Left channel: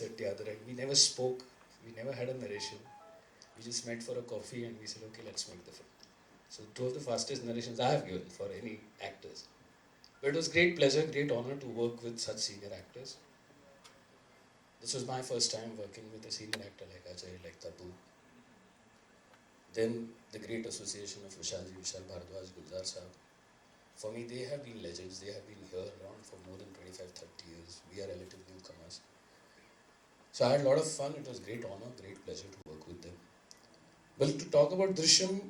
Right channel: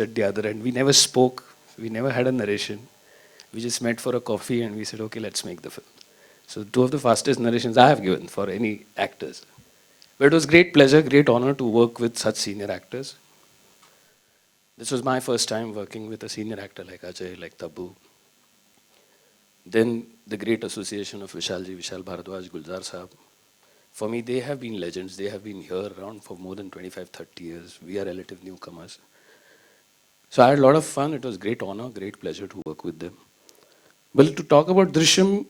at the other end. We never spoke. We never had a narration. We just met for a coffee and we said, okay, let's make the film. So two of the fastest narrations I have given for any actors. But it was great pleasure, great honor to work with such senior actors. This was my first time working with a senior actor like Ajay, like Tabu. Then the great association of Vishal Bharadwaj, Gulzar Saab. For me, they have been legends. They have been here around for more than 25, 30 years. We are relative newcomers. So I had a lot of fun. It was great honor, great pleasure to work with them. Well, to talk about Drishyam,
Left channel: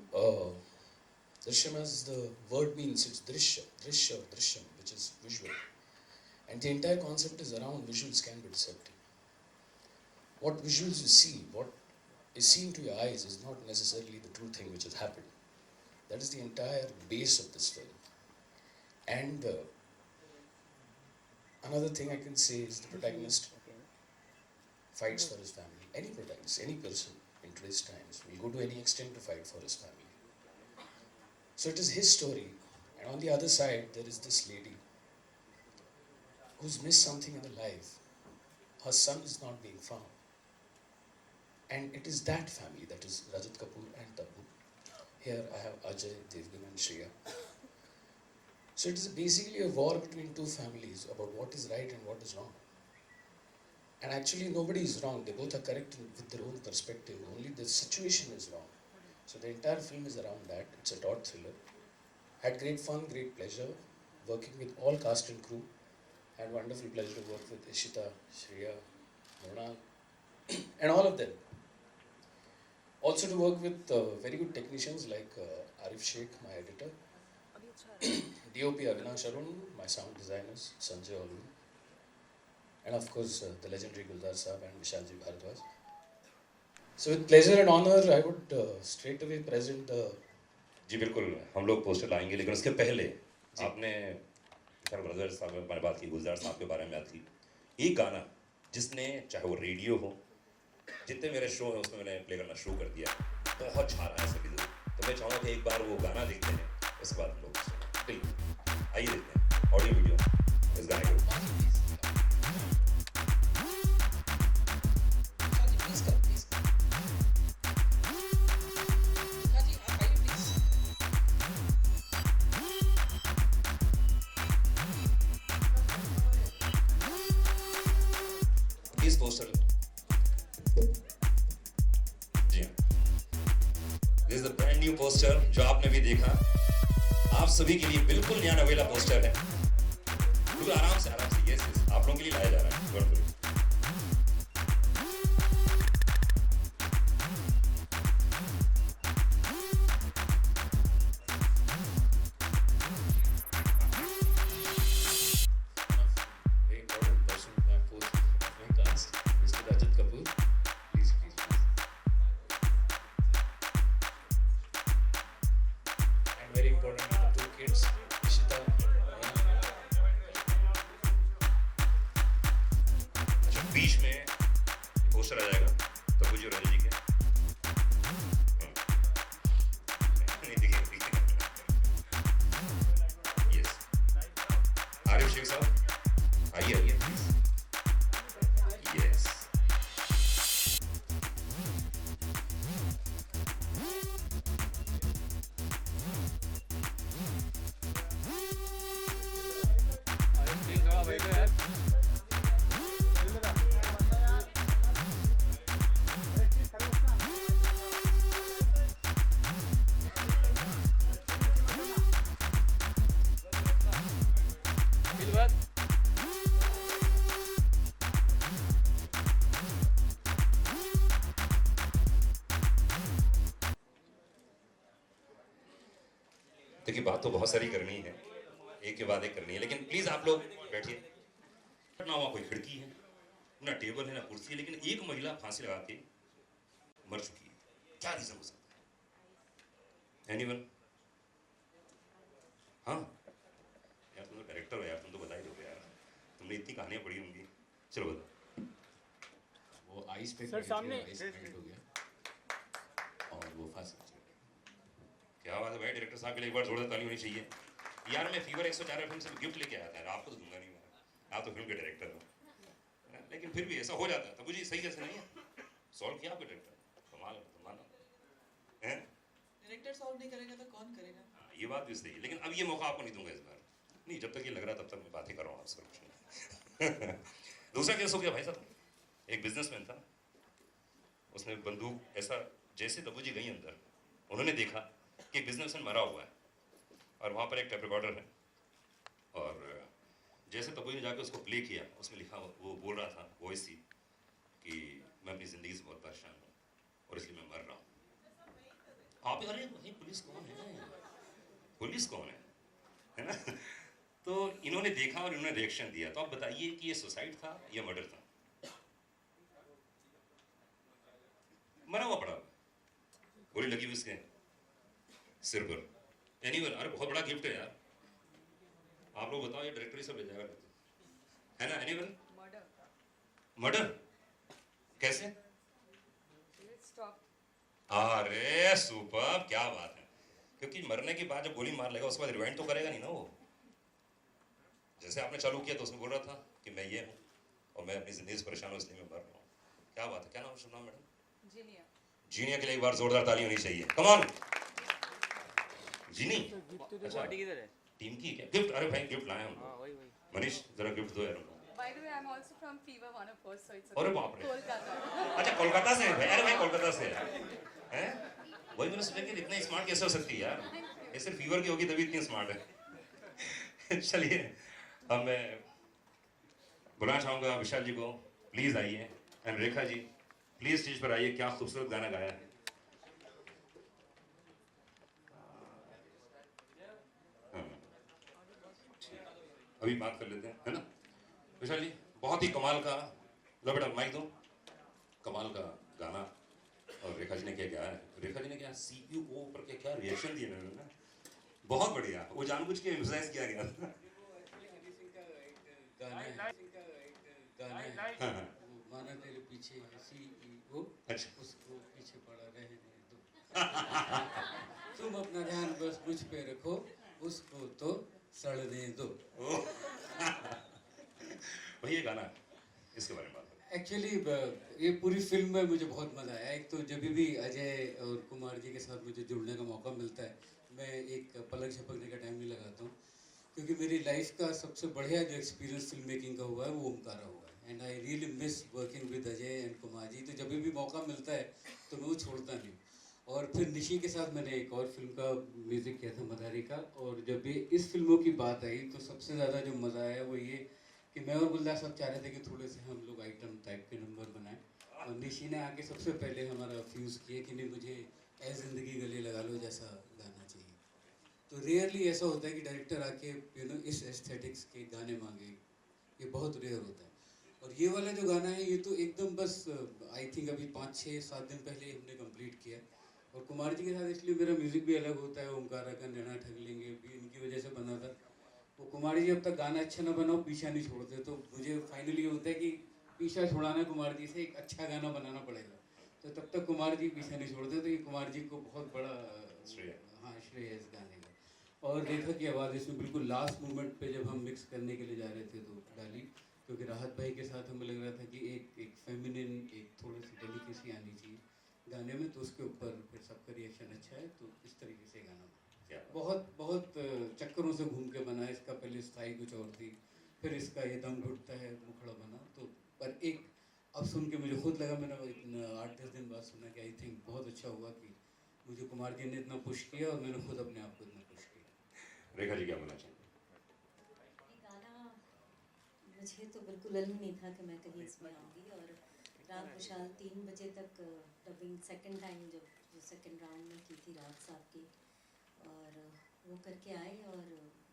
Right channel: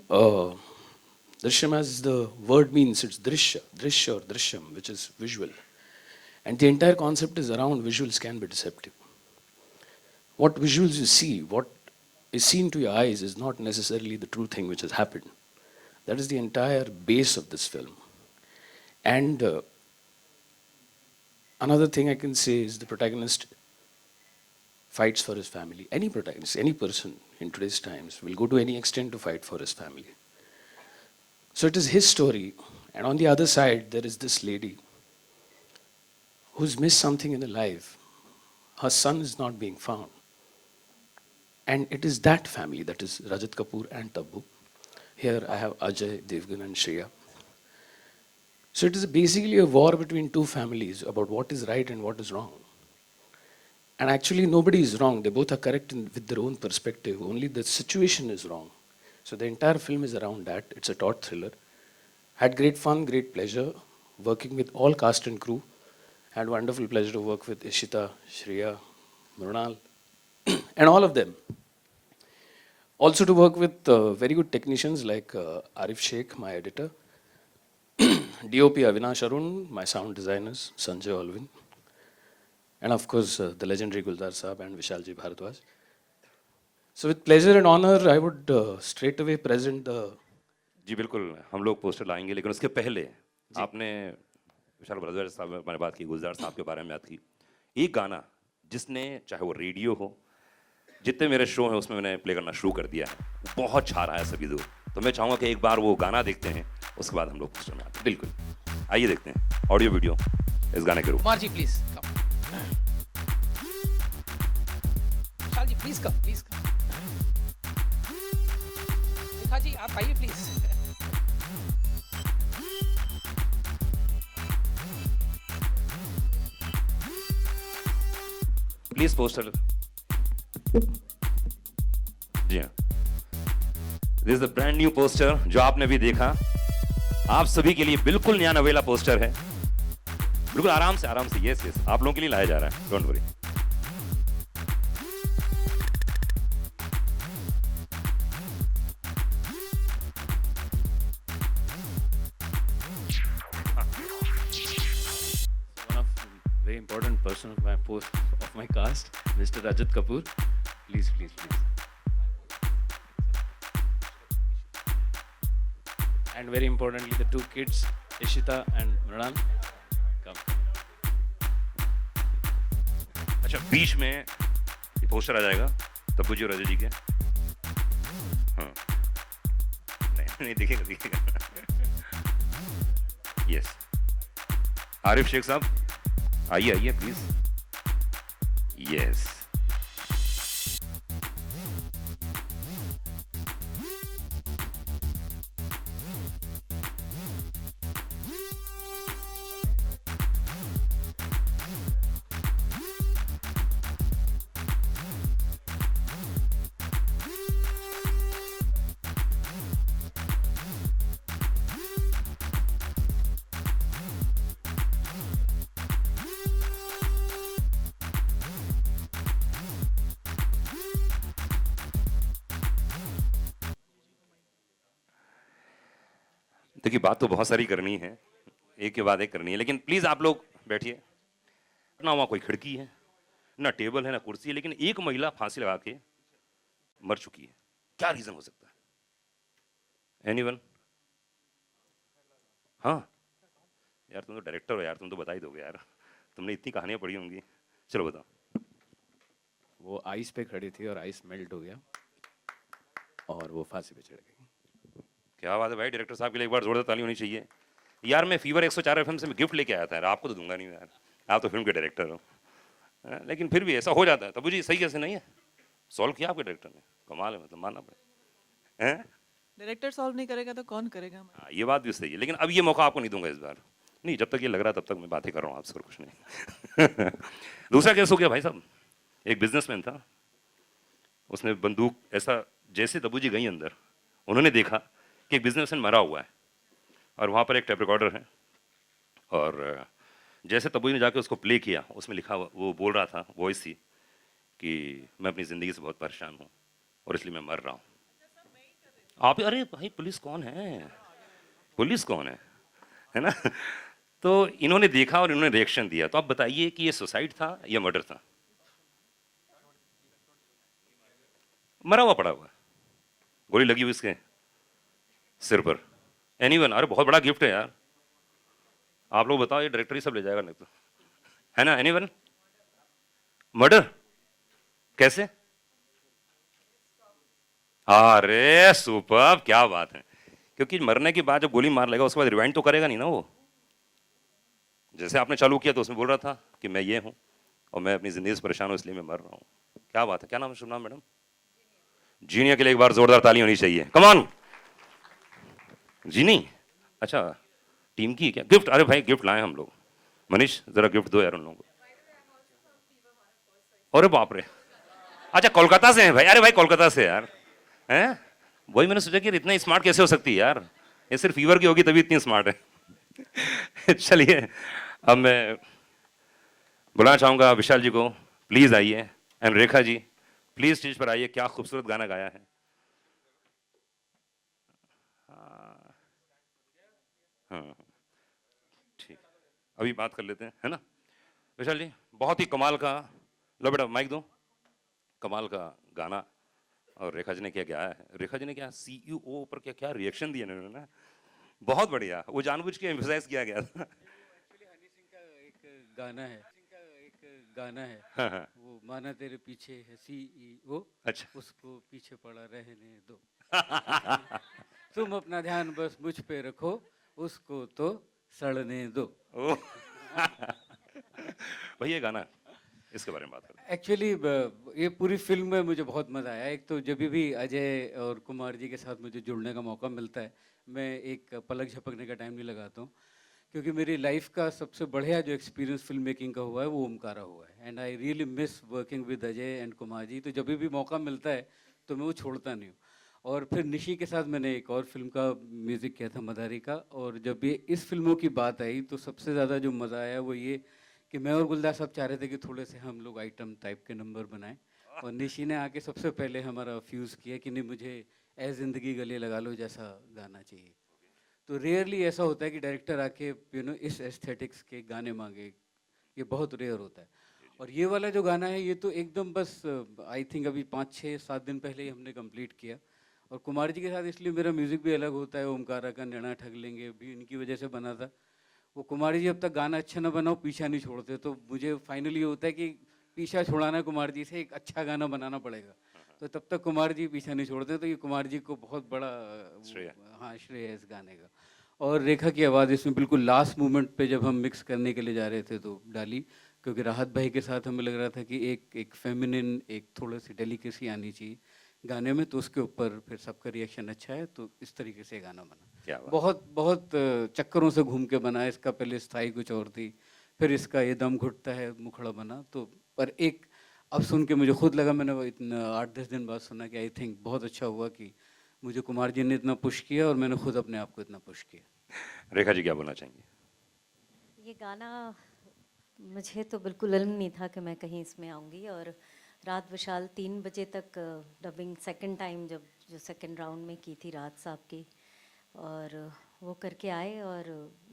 Drishyam as the word means, it's Drishya or Drishyam, which is visual. And the entire concept is around visuals can be deceptive. What visuals you see, what is seen to your eyes is not necessarily the true thing which has happened. That is the entire base of this film. And another thing I can say is the protagonist fights for his family. Any protagonist, any person in today's times will go to any extent to fight for his family. So it is his story. And on the other side, there is this lady who's missed something in her life. Her son is not being found. And it is that family, that is Rajat Kapoor and Tabu. Here I have Ajay Devgan and Shreya. So it is basically a war between two families about what is right and what is wrong. And actually nobody is wrong. They both are correct with their own perspective. Only the situation is wrong. So the entire film is around that. It's a taut thriller. Had great fun, great pleasure working with all cast and crew. Had wonderful pleasure to work with Ishita, Shreya, Mrunal, and all of them. Also to work with very good technicians like Arif Sheikh, my editor, DOP Avinash Arun, my sound designers, Sanjay Alvin, and of course the legendary Guldar Saab and Vishalji Bharadwaj. So with pleasure and honor, I would straight away present the... जी बिल्कुल हम लोग poster लाएंगे लेकिन उसके पहले आपने विशाल भारद्वाज साहब ने बात की गुलजार साहब के बारे में बात की एक गाना जिसने चाहे वो रेडियो हो जितने मेरे शो हैं उसमें मैंने प्ले करना शुरू कर दिया बहुत छा रहा है सभी लोग तो मैं चाहूँगा कि एक बार वो गाना देखते हैं उसके बाद हम लोग सुना बिल्कुल आइए देखते हैं ऑडियो वीडियो इस गाने के रूप जी प्लीज प्लीज कम प्लीज जी आप आइए प्लीज प्लीज पोस्टर जी हाँ this is a brand new poster जो आपने भी देखा आप सभी के लिए बिल्कुल नया नवेला पोस्टर है बिल्कुल आराम से यस यस आप लोगों के लिए लाया जा रहा है don't worry Very important person of my cast, Mr. Rajat Kapoor. Please. And very importantly, the two kids, Ishita and Mrunal. अच्छा बीच में ये पोस्टर आ जाएगा तब्बू जी और अजय जी के हाँ नहीं दिखेगा यस आरिफ शेख साहब आइए प्लीज यस देखिए बात तो बहुत सारी करनी है एक के बाद एक करनी है लेकिन प्लीज आप लोग बैठिए ना वहां कोई खिड़की है ना टेबल है ना कुर्सी है लेकिन एक महिला फांसी लगा के मर चुकी है क्या रीजन हो सकता है एनीवन हाँ यार तुम तो डायरेक्टर हो यार तुम तो बता ही दोगे यार तुमने इतनी कहानियां पढ़ी होंगी चलो बताओ वो आइस पे खड़ी थी और आइस मेल्ट हो गया और वो फांसी पे चढ़ गई क्या बात है भाई डायरेक्टर साहब के लिए एक बार जोरदार ताली होनी चाहिए यार मैं फीवर 104 एफएम से गिफ्ट लेके आया था यार आपको तो दूंगा नहीं यार आप तो फिल्म के डायरेक्टर हो लेकिन फिर भी ऐसा हो जाता है। तबू जी सही कैसे नहीं है, सॉल्व किया आपके डायरेक्टर ने, कमाल है, मतलब मानना पड़ेगा। हैं? डायरेक्टर सॉल्व नहीं करेगा तो कौन करेगा? हाँ, ये बात भी सही है, लेकिन अब ये मौका आपको नहीं दूंगा इस बार। नहीं, जब तक ये लग रहा है तब तक मैं बातें कर रहा हूँ आपसे, और कुछ नहीं। दूसरा केस हो गया भाई साहब, एक बिजनेसमैन था, उसने बंदूक ऐसा, जैसे तबू जी गई अंदर, उन्होंने देखा कि एक बिजनेसमैन मरा हुआ है और वहाँ पर एक टेप रिकॉर्डर है, और जैसे तबू जी ने जाके उसको प्ले किया, उसमें लिखा हुआ, वो बोल रहा था, वॉइस थी कि मैं अपनी ज़िंदगी से बहुत परेशान हूँ और इसलिए मैं मर रहा हूँ। आप, अरे भाई पुलिस कौन है, पुलिस कौन है ना? तो इन्होंने देखा और इन्होंने रिएक्शन दिया। तो आप बताइए कि ये सुसाइड था या मर्डर था? मरा हुआ पड़ा हुआ, गोली लगी हुई इसके सिर पर। एनीवन? अरे बहुत बड़ा गिफ्ट है यार, आप लोग बताओ, ये डायरेक्टर ही सब ले जाएगा नहीं तो, है ना? एनीवन? मर्डर कैसे? अरे सुपर, क्या बात है। क्योंकि मरने के बाद जब गोली मार लेगा उसके बाद रिवाइंड तो करेगा नहीं ना वो। जैसे आपने चालू किया तो उसमें बोल रहा था कि मैं ये हूं और मैं अपनी जिंदगी से परेशान हूं इसलिए मैं मर रहा हूं। क्या बात है, क्या नाम है, शुभ नाम मैडम? जीनिया के लिए एक बार जोरदार ताली होनी चाहिए, कम ऑन। जीनी, अच्छा टीम की क्या गिफ्ट? अरे भाई गिफ्ट लाए हम लोग। मनीष जरा गिफ्ट दो यार उन लोगों को। अरे बाप रे, अच्छा कोलकाता से हैं भाई? अरे भाई कोलकाता से यार, हैं? वही मैंने सोचा कि इतना स्मार्ट कैसे हो सकती है यार, ये सिर्फ फीवर की होगी तभी इतनी स्मार्ट है। चलिए अब मैं बुलाना चाहूंगा विशाल जी को, प्लीज आइए, and Rekha ji please stage पर आइए। क्या खूबसूरत गाना गाया है। हाँ, ठीक, अभी बात कर लेते हैं, है ना? विशाल जी बहुत ही कमाल का, लो बेटा माइक दो, कमाल का गाना। और रेखा जी ने क्या गाया है, रेखा जी ने क्या सीईओ पर क्या क्या रिएक्शन दिए उन्होंने ना, बहुत बढ़िया, वो जानबूझ के एम्फसाइज किया गया था। गाना है हाँ, हाँ, वो माना तेरे पीछे है सीईओ, अच्छा। उसको पीछे पड़ा रहने दो। तुम अपना ध्यान बस मुझ पे रखो, उसको तो सड़ने दो। ओह, भैया ये गाना, इसके बारे में बात करें। एक्चुअली ये पूरी फिल्म में मुझे बहुत मज़ा आया। एक तो जब भी अजय और कुमार जी के साथ मुझे जुड़ने का मौका मिलता है, मैं एक पलक झपकने का टाइम नहीं लगाता हूँ, क्योंकि मेरी लाइफ का सबसे बढ़िया जो एक्सपीरियंस फिल्म मेकिंग का हुआ है वो ओमकारा हुआ है। And I really miss working with Ajay and Kumar ji. तो जब भी मौका मिलता है तो मैं वो छोड़ता नहीं हूँ। और फिर निशी के साथ मैंने एक और फिल्म का म्यूज़िक किया था, मदारी का। और जब भी इस फिल्मों की बात आई तो सबसे ज़्यादा जो मज़ा आया वो ये कि मैं और गुलदार साहब चाह रहे थे कि थोड़े से हम लोग आइटम टाइप के नंबर बनाएं, और निशी ने आके सबसे पहले हमारा फ्यूज़ किया कि नहीं, मुझे ए ज़िंदगी गले लगा लो जैसा गाना चाहिए। तो रेयरली ऐसा होता है कि डायरेक्टर आके इस एस्थेटिक्स के गाने मांगे, ये बहुत रेयर होता है। और ये वाला जो गाना है ये तो एकदम बस आई थिंक अभी 5-6-7 दिन पहले ही हमने कंप्लीट किया। और कुमार जी के साथ इसलिए मेरा म्यूज़िक भी अलग होता है, ओमकारा का नैना ठग लेंगे भी इनकी वजह से बना था। वो कुमार जी जब तक गाना अच्छा ना बनाओ पीछा नहीं छोड़ते, तो मुझे फाइनली होता है कि पीछा छुड़ाना है कुमार जी से, एक अच्छा गाना बनाना पड़ेगा। तो तब तक कुमार जी पीछा नहीं छोड़ते, तो ये कुमार जी को बहुत बड़ा श्रेय। हाँ श्रेय है इस गाने का। और रेखा की आवाज़ इसमें बिल्कुल लास्ट मोमेंट पे जब हम मिक्स करने के लिए जा रहे थे तो डाली, क्योंकि राहत भाई के साथ हमें लग रहा था कि एक फेमिनिन, एक थोड़ी सी डेलिकेसी आनी चाहिए गाने में। तो उसके ऊपर फिर सबका रिएक्शन अच्छा है, तो इस तरीके से गाना बना। क्या बात। बहुत बहुत चक्करों से घूम के बना। इसका पहले स्थाई कुछ और थी, फिर इसका ये दम घुटता है मुखड़ा बना। तो पर एक अब सुन के मुझे खुद लगा, मैंने वो इतना 8-10 दिन बाद सुना कि आई थिंक बहुत अच्छा हुआ कि मुझे कुमार जी ने इतना पुश किया और मैंने खुद अपने आप को इतना पुश किया। रेखा जी क्या बोलना चाहेंगे? ये गाना मुझे तो बिल्कुल इल्म नहीं था कि मैं कहीं इसमें आऊँगी। और रात विशाल 3 बजे तक डबिंग सेकंड टाइम जो सेकंड राउंड में की थी रात साहब की, और वो करके आए। और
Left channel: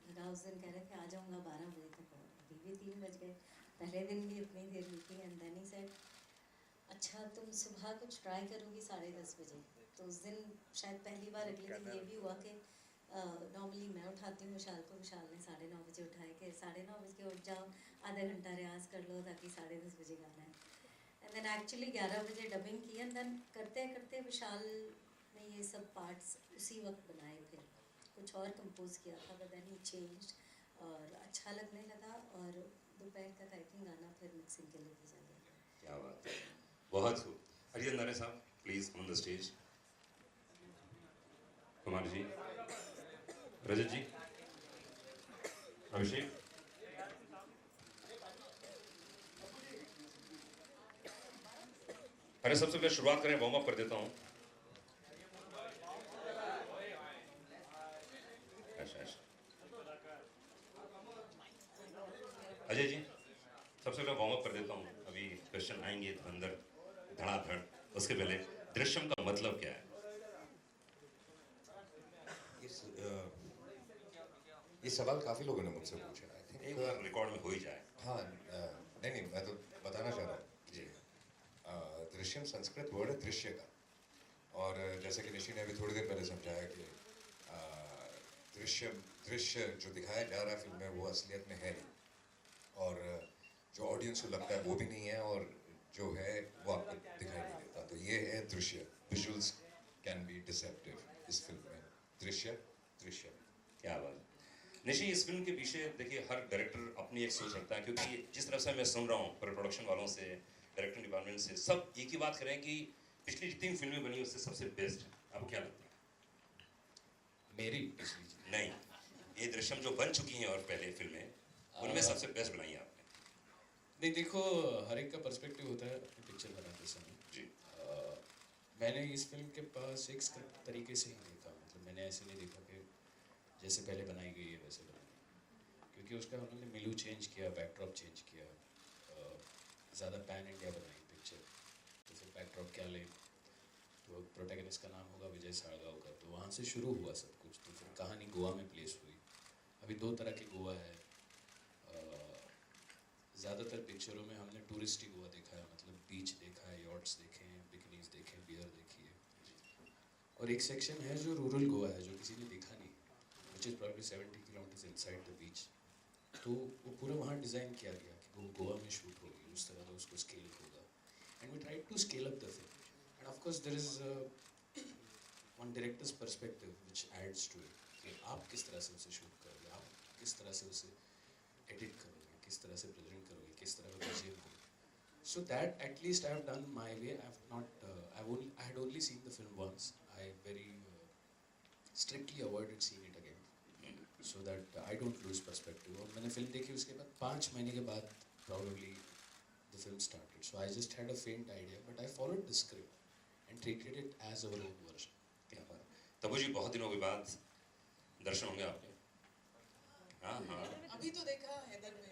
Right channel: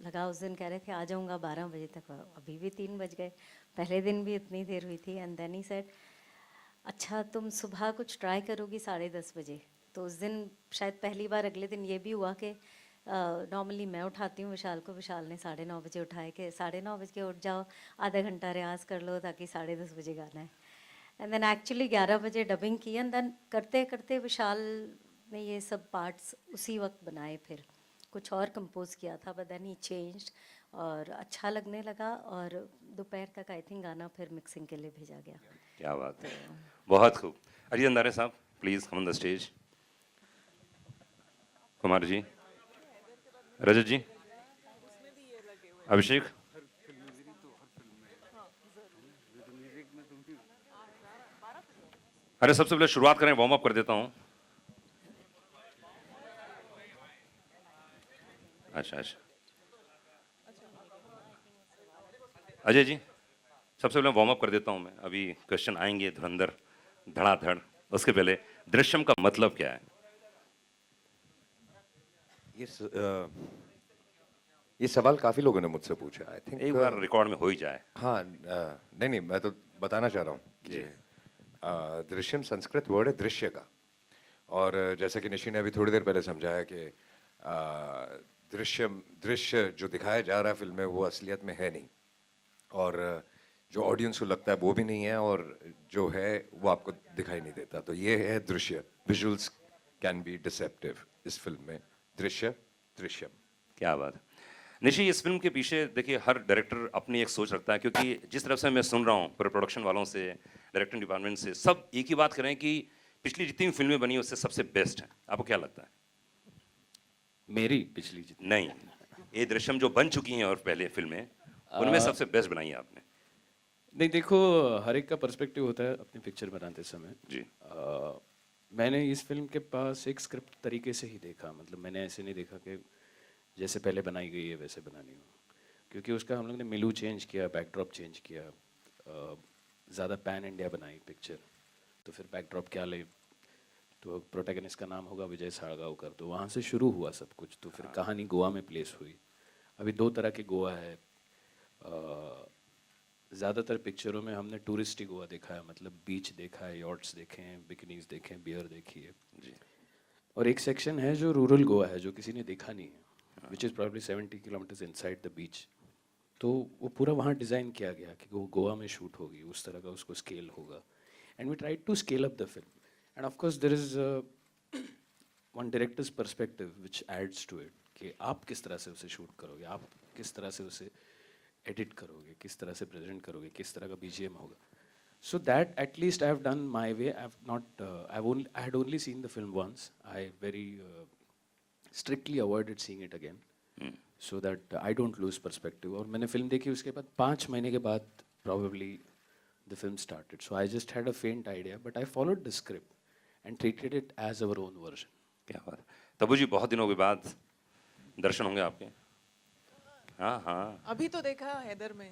लगा उस दिन कह रहे थे आ जाऊँगा 12 बजे तक, अभी भी 3 बज गए। पहले दिन भी इतनी देर हुई थी। एंड देन ही सेड अच्छा तुम सुबह कुछ ट्राई करोगी 10:30 बजे। तो उस दिन शायद पहली बार अगले दिन ये भी हुआ कि नॉर्मली मैं उठाती हूँ विशाल को, विशाल ने 9:30 बजे उठाए कि 9:30 बजे उठ जाओ, आधा घंटा रियाज कर लो ताकि 10:30 बजे गाना है। एंड देन एक्चुअली 11 बजे डबिंग की। एंड देन करते करते विशाल ने ये सब पार्ट्स उसी वक्त बनाए। फिर कुछ और कंपोज किया था, बट देन ही चेंज्ड और अच्छा लगने लगा, और दोपहर तक आई थिंक गाना फिर मिक्सिंग के लिए भेजा गया। क्या बात है, बहुत खूब। अजय अंधारे साहब please come on the stage. Kumar ji, Rajat ji, Abhishek. अरे सबसे पहले शुरुआत करें, वार्म अप कर देता हूं। अच्छा अच्छा, अजय जी सबसे पहले वार्म अप कर देता हूं मैं। अभी क्वेश्चन आएंगे धुरंधर धड़ाधड़, उसके पहले दृश्यम का मतलब क्या है? ये सवाल काफी लोगों ने मुझसे पूछा। आई थिंक एक बार रिकॉर्ड में हो ही जाए। हाँ, नहीं मैं तो बताना चाह रहा हूँ कि दृश्यम संस्कृत वर्ड है दृश्य का, और जैसे कि निशी ने अभी थोड़ी देर पहले समझाया कि दृश्य जो दिखाया जा रहा है फिल्म में वो असलियत में है नहीं, और जो ऑडियंस को लगता है वो भी नहीं है, और जो है वो आपको दिखाई नहीं देता। तो ये है दृश्य। विजुअल्स कैन बी डिसेप्टिव इस फिल्म में। दृश्यम। क्या बात है। निशी, इस फिल्म के पीछे देखिए हर डायरेक्टर अपनी एक सोच रखता है, क्योंकि जिस तरफ से मैं सुन रहा हूँ पूरे प्रोडक्शन वालों से, डायरेक्टिंग डिपार्टमेंट से, सब एक ही बात कर रहे हैं कि पिछली जितनी फिल्में बनी उससे सबसे बेस्ट है। आपको क्या लगता है? मेरी पिछली नहीं, ये दृश्यम जो बन चुकी हैं और पहले फिल्में, उनमें सबसे बेस्ट बनाई है आपने। नहीं, देखो हर एक का पर्सपेक्टिव होता है अपनी पिक्चर बनाते समय जी। मैंने इस फिल्म के पास एक स्क्रिप्ट तरीके से ही देखा, मतलब मैंने ऐसे नहीं देखा कि जैसे पहले बनाई गई है वैसे बनानी हो, क्योंकि उसका हम लोग ने मिलू चेंज किया, बैकड्रॉप चेंज किया, ज़्यादा पैन इंडिया बनाई पिक्चर, तो फिर बैकड्रॉप क्या ले, तो प्रोटैगनिस्ट का नाम होगा विजय साळगावकर, तो वहाँ से शुरू हुआ सब कुछ। तो फिर कहानी गोवा में प्लेस हुई। अभी दो तरह की गोवा है, ज़्यादातर पिक्चरों में हमने टूरिस्टी गोवा देखा है, मतलब बीच देखा है, यॉट्स देखे हैं, बिकनीज देखे हैं, बियर देखी है जी। और एक सेक्शन है जो रूरल गोवा है, जो किसी ने देखा नहीं है, which is probably 70 kilometres inside the beach. तो वो पूरा वहाँ डिज़ाइन किया गया कि वो गोवा में शूट होगी, उस तरह का उसको स्केल होगा, and we try to scale up the film, and of course there is one director's perspective which adds to it, कि आप किस तरह से उसे शूट करोगे, आप किस तरह से उसे एडिट करोगे, किस तरह से प्रेजेंट करोगे, किस तरह का बीजीएम होगा। So that at least I have done my way. I had only seen the film once. I very strictly avoided seeing it again, so that I don't lose perspective. और मैंने film देखी, उसके बाद 5 महीने के बाद probably the film started. So I just had a faint idea, but I followed the script and treated it as our own version. क्या बात है। तबू जी, बहुत दिनों के बाद दर्शन होंगे आपके। हाँ हाँ, अभी तो देखा हैदर में।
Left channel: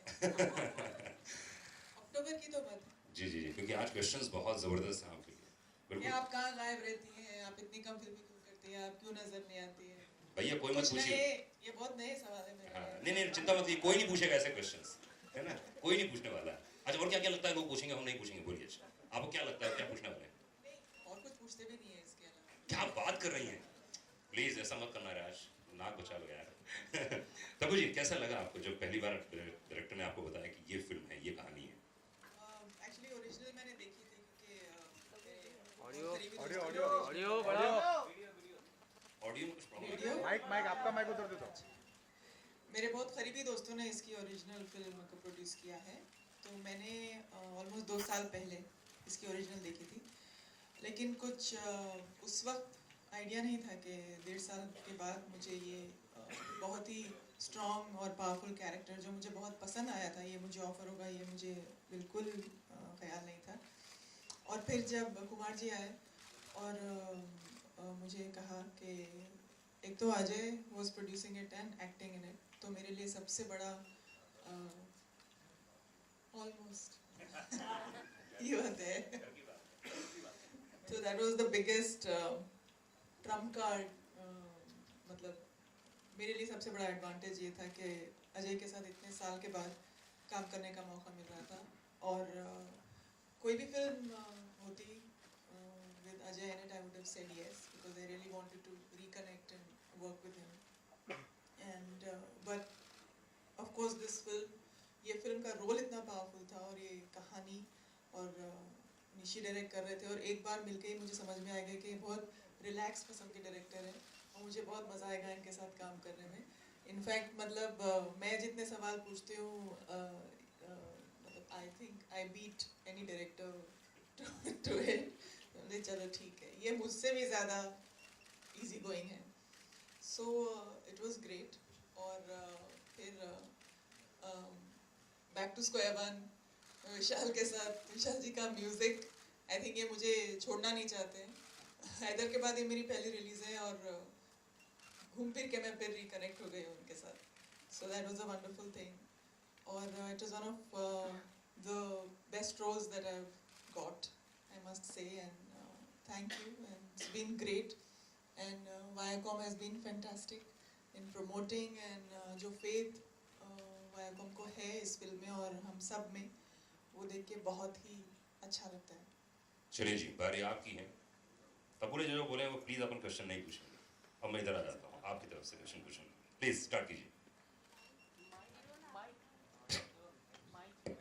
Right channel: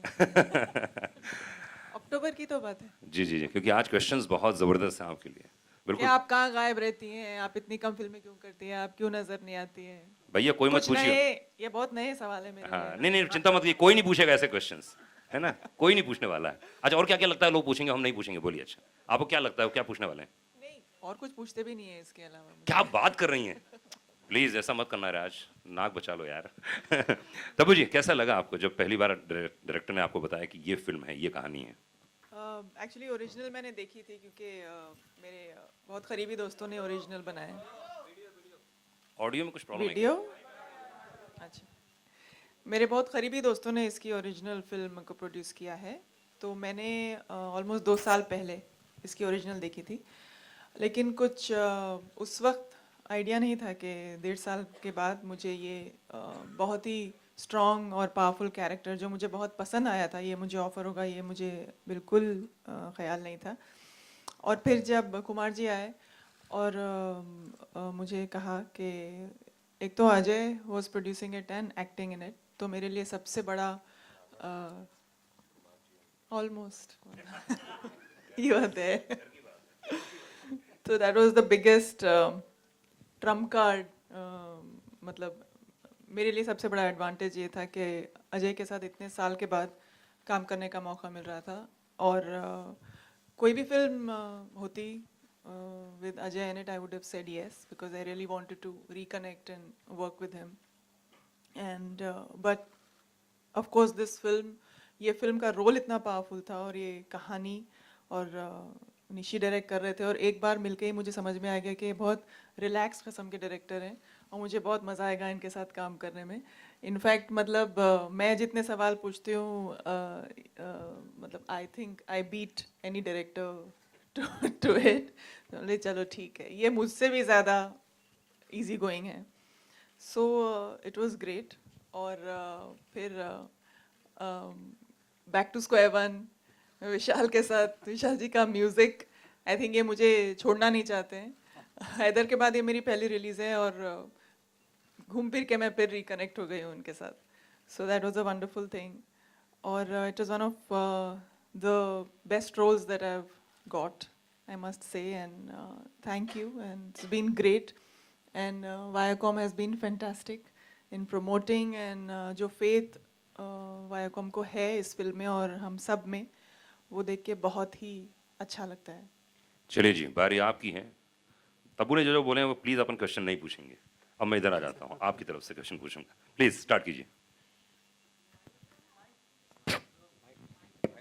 अक्टूबर की तो बात है। जी जी जी, क्योंकि आज क्वेश्चंस बहुत जबरदस्त हैं आपके लिए। कि बिल्कुल आप कहाँ गायब रहती हैं, आप इतनी कम फिल्में क्यों करती हैं, आप क्यों नजर नहीं आती हैं? भैया, कोई मत कुछ पूछिए। नए, ये बहुत नए सवाल है मेरे हाँ, लिए। नहीं नहीं, चिंता मत कीजिए, कोई नहीं पूछेगा ऐसे क्वेश्चंस, है ना, कोई नहीं पूछने वाला है। अच्छा, और क्या क्या लगता है लोग पूछेंगे, हम नहीं पूछेंगे, बोलिए। अच्छा, आपको क्या लगता है वो क्या पूछने वाले हैं? नहीं, और कुछ पूछते भी नहीं है इसके अलावा। क्या बात कर रही हैं, प्लीज ऐसा मत करना राज, नाक बचा लो यार। तबू जी, कैसा लगा आपको जब पहली बार डायरेक्टर ने आपको बताया कि ये फिल्म है, ये कहानी है? एक्चुअली ओरिजिनल मैंने देखी थी, क्योंकि मेरे बहुत करीबी दोस्तों ने ओरिजिनल बनाया। ऑडियो में कुछ प्रॉब्लम है? वीडियो अच्छा, मेरे बहुत करीबी दोस्तों ने इसकी ओरिजिनल फिल्म को प्रोड्यूस किया है, तो मैंने ऑलमोस्ट 2 साल पहले इसकी ओरिजिनल देखी थी, लेकिन कुछ उस वक्त आइडिया नहीं था कि 1.5 साल के बाद मुझे ये बहुत ही स्ट्रॉन्ग और पावरफुल कैरेक्टर, जो मुझे बहुत पसंद आया था, ये मुझे ऑफर होगा, ये मुझे बिल्कुल ख्याल नहीं था। और फिर जब कुमार जी आए और मुझे कहा कि एक तो Ajay was producing it and acting in it, तो मेरे लिए सबसे बड़ा ऑलमोस्ट यू आर देयर, तो that was the biggest Trump card. मतलब मेरे लिए सबसे बड़ा एडवांटेज ये था कि अजय के साथ इतने साल के बाद काम करने का मौका मिल रहा था, और कोई भी फिल्म होती with Ajay in it, I would have said yes, because I really wanted to reconnect and work with him. And but of course this film, ये फिल्म का रोल इतना पावरफुल था, और ये कहानी, और निशी डायरेक्ट कर रहे थे, और एक बार मिलके ही मुझे समझ में आ गया कि बहुत रिलैक्स किस्म के डायरेक्टर हैं, और मुझे बहुत मज़ा आएगा इनके साथ काम करने में। इनफैक्ट मतलब मैं जितने सवाल पूछती हूँ मतलब I think I beat any director to it. चलो ठीक है, ये मुझसे भी ज़्यादा इजी गोइंग है। So it was great. और फिर बैक टू स्क्वायर वन विशाल के साथ, विशाल जी का म्यूज़िक, आई थिंक ये मुझे छोड़ना नहीं चाहते हैं। हैदर के बाद ये मेरी पहली रिलीज़ है और घूम फिर के मैं फिर रिकनेक्ट हो गई हूँ उनके साथ। So that was a wonderful thing. और it was one of the best roles that I have got, I must say, and thank you, and it's been great. And Viacom has been fantastic in promoting, and जो faith Viacom को है इस film में और हम सब में, वो देख के बहुत ही अच्छा लगता है। चलिए जी, बारी आपकी है। तब्बू ने जो जो बोले हैं वो प्लीज अपन क्वेश्चन नहीं पूछेंगे। अब मैं इधर आ जाता हूँ, आपकी तरफ से क्वेश्चन पूछूंगा। प्लीज स्टार्ट कीजिए।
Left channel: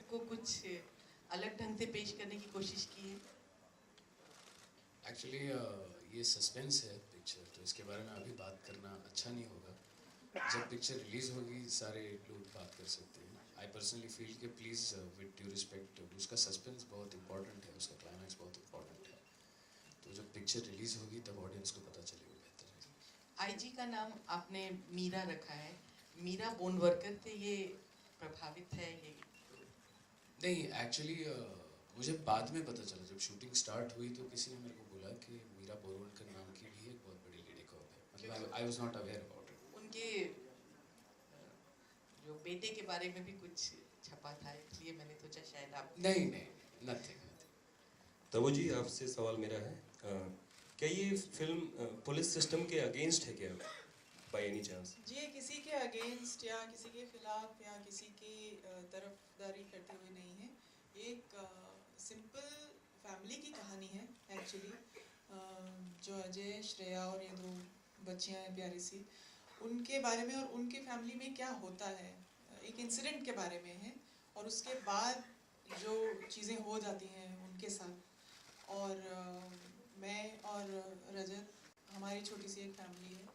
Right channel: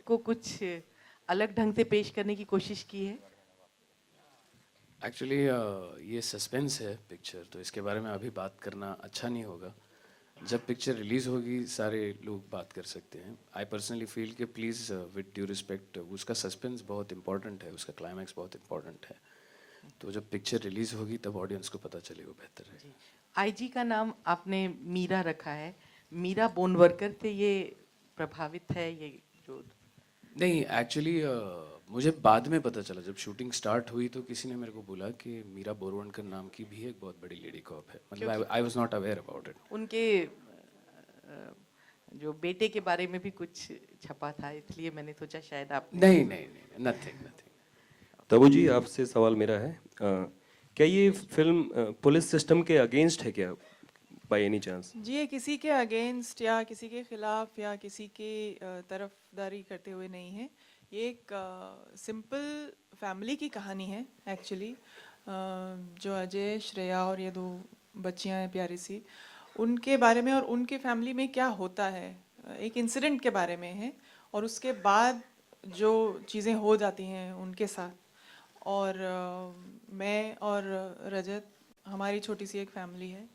को कुछ अलग ढंग से पेश करने की कोशिश की है? एक्चुअली ये सस्पेंस है पिक्चर, तो इसके बारे में अभी बात करना अच्छा नहीं होगा। जब पिक्चर रिलीज होगी सारे लोग बात कर सकते हैं। आई पर्सनली फील कि प्लीज़ विद ड्यू रिस्पेक्ट, उसका सस्पेंस बहुत इंपॉर्टेंट है, उसका क्लाइमैक्स बहुत इंपॉर्टेंट है। तो जब पिक्चर रिलीज होगी तब ऑडियंस को पता चलेगा, बेहतर है। आईजी का नाम आपने मीरा रखा है, मीरा बोन वर्कर से ये प्रभावित है ये जो? नहीं, एक्चुअली मुझे बाद में पता चला, जब शूटिंग स्टार्ट हुई तो किसी ने मेरे को बोला कि मीरा बोरवणकर नाम की भी एक बहुत बड़ी लेडी कॉप है। मतलब I was not aware about it. उनके जो बेटे के बारे में भी कुछ छपा था, इसलिए मैंने सोचा शायद आप। नहीं, नथिंग। तबू जी, आपसे सवाल मेरा है, क्या ये फिल्म पुलिस सिस्टम के अगेंस्ट है क्या, बाय एनी चांस? जी, ये किसी के अगेंस्ट या किसी के खिलाफ या किसी की तरफदारी करते हुए नहीं है। ये एक सिंपल फैमिली की कहानी है एक्चुअली। जो अजय, श्रेया और ये दो बच्चियां हैं प्यारी सी, उनके बारे में और उनके फैमिली में क्या होता है, एक इंसिडेंट के बारे में है। और उसके बाद जो चीज़ें हो जाती हैं उनके साथ, और मैं और रजत, हमारी छोटी सी एक फैमिली है,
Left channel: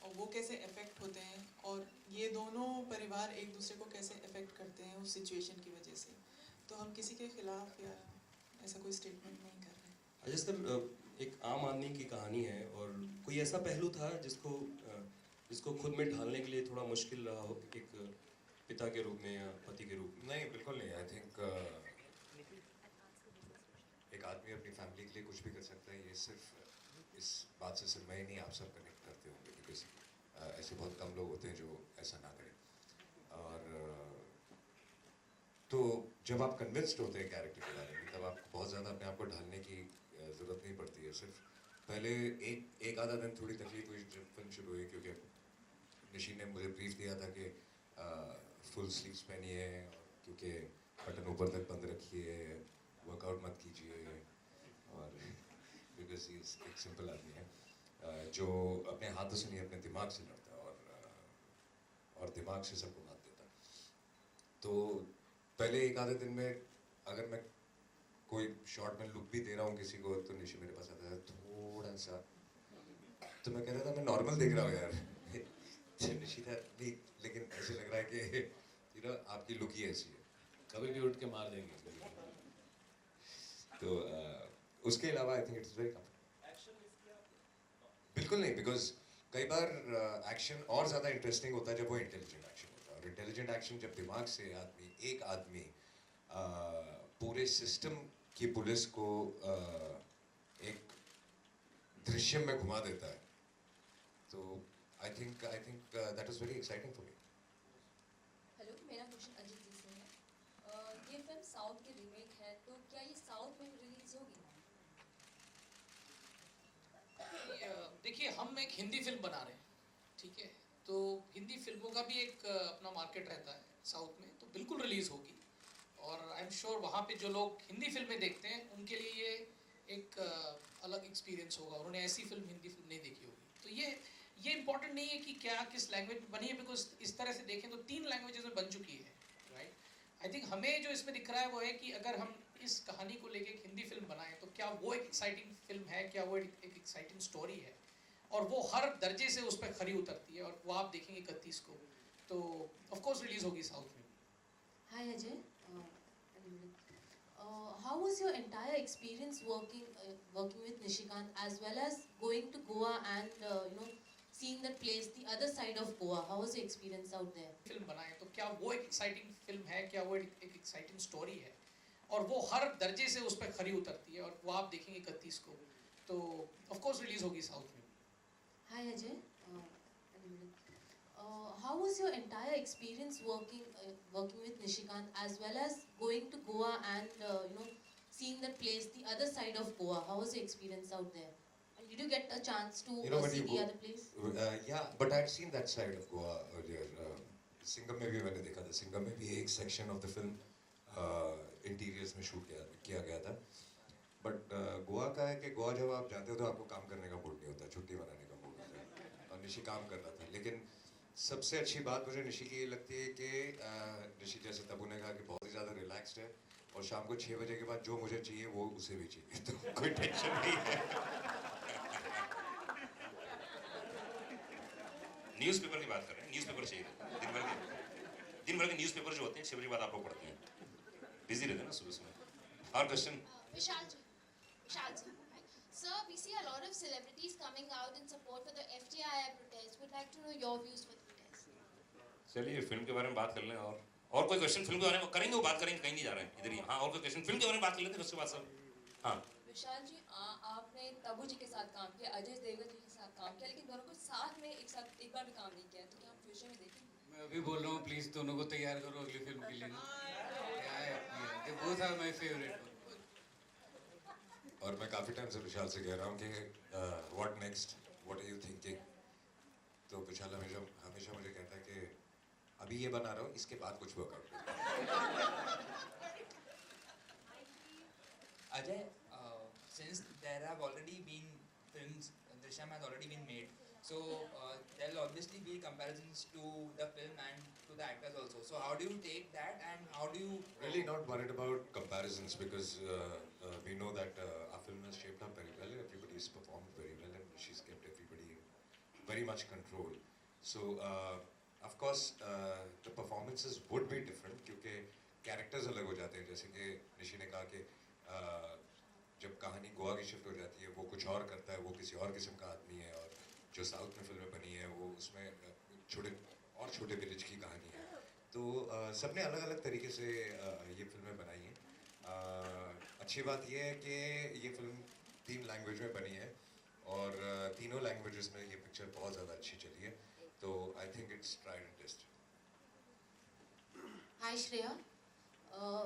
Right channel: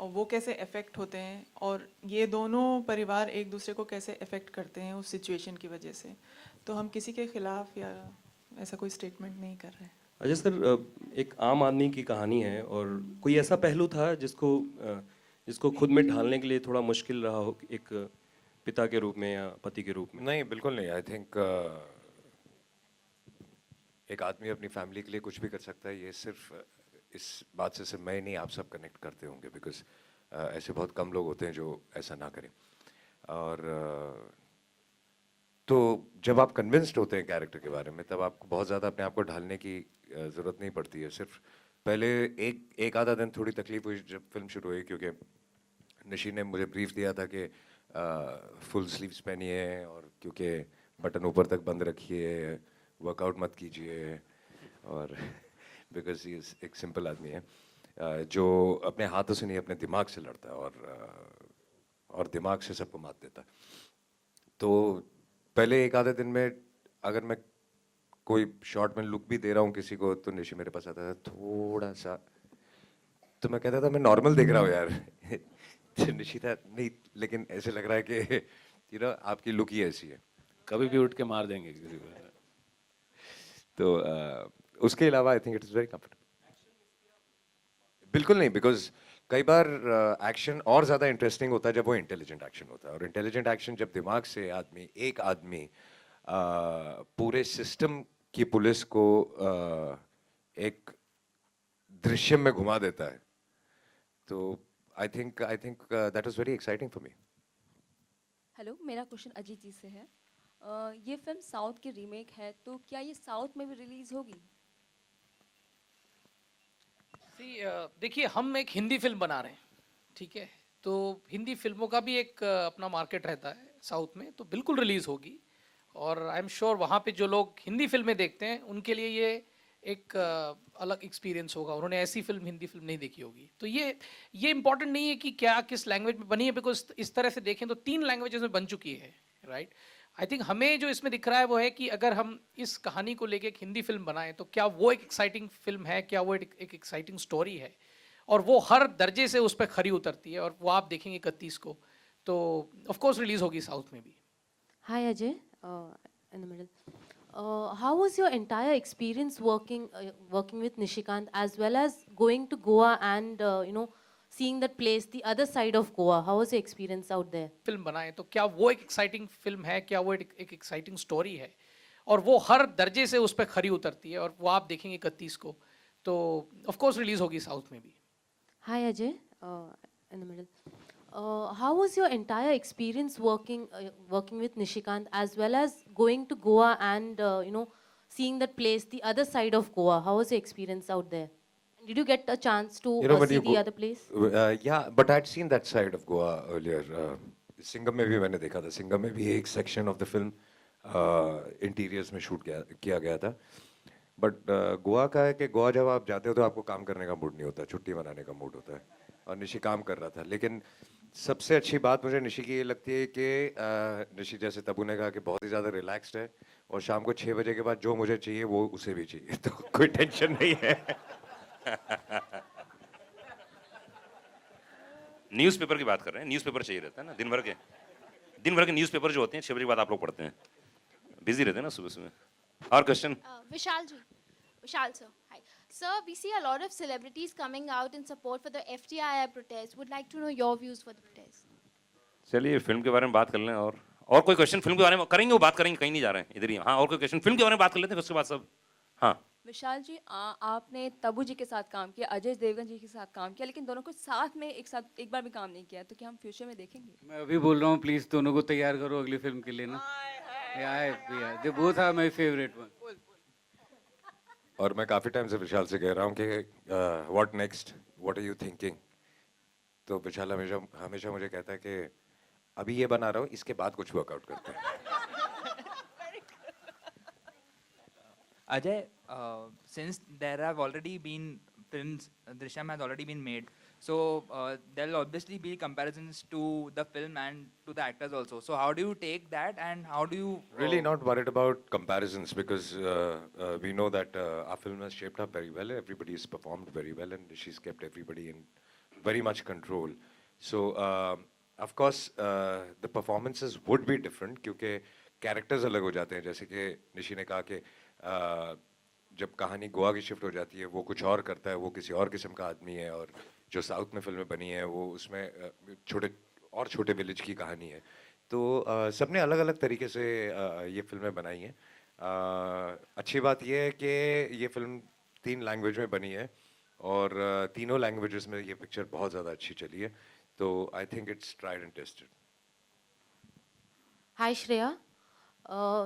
और वो कैसे अफेक्ट होते हैं, और ये दोनों परिवार एक दूसरे को कैसे अफेक्ट करते हैं उस सिचुएशन की वजह से। तो हम किसी के खिलाफ या ऐसा कोई स्टेटमेंट नहीं कर रहे हैं। अजय सर, एक आम आदमी की कहानी है, और कोई ऐसा पहलू था जिसको खुद में ढालने के लिए थोड़ा मुश्किल रहा हो, एक पिता के रूप में या पति के रूप में? नहीं, बिल्कुल नहीं। आई थिंक एक आदमी अपनी फैमिली के लिए कुछ भी कर सकता है। ये सिर्फ इस बात से सिर्फ मैं ही नहीं, आप सब कनेक्ट करते होंगे, बिकॉज ऐसे बहुत कम लोग होते हैं जो ऐसा ना करें। और तो जब आप कन्विंस्ड होते हैं कैरेक्टर के बारे में, तब आपको बहुत ज़्यादा अपने आप को ढालने की ज़रूरत नहीं पड़ती है। सिर्फ पहले एक आधा दिन थोड़ी तकलीफ हुई जब फिल्म शुरू हुई, क्योंकि निशी ने मुझे ब्रीफ दिया था कि फुल स्लीव्स पहनिए, और क्योंकि बटन ऊपर तक बंद रखिए, वर्कआउट मत कीजिए, और बिकॉज ये एक सिंपल आदमी है जो अपने हाथों से नहीं अपने दिमाग से लड़ता है, और दिमाग से सबको मात देता है। तो पहले एक आधे दिन में अगर मैं कोई शॉर्ट में लुक भी दे रहा हूँ किसी को, तो निशी मेरे पास आता था थोड़ा सा, तो मैं कहता था मैं नॉर्मल देख रहा हूँ यार। निशी था नहीं, लेकिन ऐसे लग रहा है कि आपकी लुक ही ऐसी है, कभी भी उठ के मार देंगे। तो उसके अलावा I think it is very comfortable. बिल्कुल नहीं, बिकॉज कई बार एक्शन और ज़्यादा इंटरेस्टिंग होता है जब वो इंटेलिजेंट एक्शन होता है, और इंटेलिजेंट एक्शन जब दिमाग से एक आदमी पूरे सिस्टम की पुलिस को एक दृश्यम में घुमा देता है, तो I think that was very exciting for me. Hello, मेरा क्वेश्चन अजीत जी से है। ये फिल्म साउथ की रीमेक है, तो क्या ये साउथ में भी रिलीज होगी? देखिए, हम एक हिंदी फिल्म बना रहे हैं, ठीक है? तो हिंदी फिल्मों का भी एक अपना मार्केट रहता है साउथ में, तो बिल्कुल रिलीज होगी। और आई एम श्योर वहाँ पे जो लोग हिंदी फिल्में देखते हैं उनके लिए ये एक अलग एक्सपीरियंस होगा। उन्होंने ऐसी फिल्म, हिंदी फिल्म नहीं देखी होगी। तो ये इंपॉर्टेंट नहीं है कि क्या किस लैंग्वेज में बनी है, बिकॉज इस तरह से देखें तो 3 लैंग्वेजेस में बन चुकी है, राइट? आई थिंक हमें जो इसमें दिख रहा है वो है कि अगर हम इस कहानी को लेके एक हिंदी फिल्म बनाएं तो क्या वो एक एक्साइटिंग फिल्म है, क्या वो एक एक्साइटिंग स्टोरी है। और वो हर दर्जे से उस पर खरी उतरती है और वो आप देखेंगे 31 को, तो ऑफ कोर्स रिलीज होगी साउथ में भी. Hi Ajay, in the middle. How was your entire experience working with Nishikant as well as going to Goa and seeing that place, the other side of Goa? How was your experience out there? Film बनाए तो क्या वो एक exciting film है, क्या वो एक exciting story है, और वो हर दर्जे से उस पर खरी उतरती है और वो आप देखेंगे 31 को, तो ऑफ कोर्स रिलीज होगी साउथ में भी. Hi Ajay, in the middle. How was your entire experience working with Nishikant as well as going to Goa and seeing that place, the other side of Goa? How was your experience out there? Did you get a chance to see the other place? Yeah, but I'd seen that side of Goa earlier. Singham में भी मैंने देखा था. सिंगम में भी एक section of the film interiors में shoot किया गया था. बट गोवा का है कि गोवा जब आप जाते हो तो आपको काम करने का मूड नहीं होता, छुट्टी मनाने का मूड होता है. और निशी काम कर रहा था. लेकिन सबसे अच्छी बात मुझे निशी की ये लगती है कि निशी, जैसे तबू ने कहा, कि बहुत ही ज़्यादा रिलैक्स्ड है और शाम को 6 बजे के बाद जो मुझे चाहिए वो उसे भी चाहिए, तो कोई टेंशन नहीं है. न्यूज़पेपर की बात कर रहे हैं. न्यूज़पेपर चाहिए रहता है ना, दिन भर के न्यूज़पेपर जो होते हैं 6 बजे के बाद आप लोग पढ़ते हैं, बिजी रहते हैं ना सुबह सुबह. और question? Vishal sir, hi. Sir, we see a lot of celebrities coming out in support for the FTII protest. Would like to know your views for the protest. चलिए फिल्म के बारे में बात कर लें. और कोई क्वेश्चन फिल्म के बारे में करेंगे, वो बात करेंगे, कहीं नहीं जा रहे हैं, इधर ही. हाँ, और कोई क्वेश्चन फिल्म के बारे में बात कर लेते हैं, उसके बाद सब. हाँ विशाल जी, आपने तबू जी के साथ काम किया, अजय देवगन जी के साथ काम किया, लेकिन दोनों को साथ में एक बार भी काम नहीं किया, तो क्या हम फ्यूचर में देखेंगे? मैं अभी बोल रहा हूँ, प्लीज दोनों को तैयार करो अगली फिल्म के लिए ना. They both are my favourite one. और मैं काफ़ी टाइम से विशाल से कह रहा हूँ कि what next, what are you thinking. तो विशाल हमेशा मुझे कहता है कि अभी ये बना रहा हूँ, इसके बाद कुछ वर्कआउट करता है. Ajay, since there have already been films, Drishyam has already been made, so there will obviously be comparisons to the film and to the actors also. So how do you take that, and how do you Really not worried about comparisons, because we know that our film has shaped up very well. Everybody has performed very well, and she's kept everybody in very much control. So of course the performances would be different क्योंकि characters अलग हो जाते हैं. जैसे कि निशी ने कहा कि जब कहानी गोवा की शिफ्ट हो जाती है वो कुछ और करता है, वो किसी और किस्म का आदमी है. और जो साउथ में फिल्में बनी हैं वो उसमें छोटे विलेज की कहानी है. तो सबने अलग अलग तरीके से ये फिल्में बनाई हैं. अच्छी बात ये है कि ये फिल्म 3 लैंग्वेज में बनी है और तीनों लैंग्वेजेस में ये पिक्चर बहुत ज़्यादा अच्छी चली है. तो I think it's tried and tested. Hi Shreya.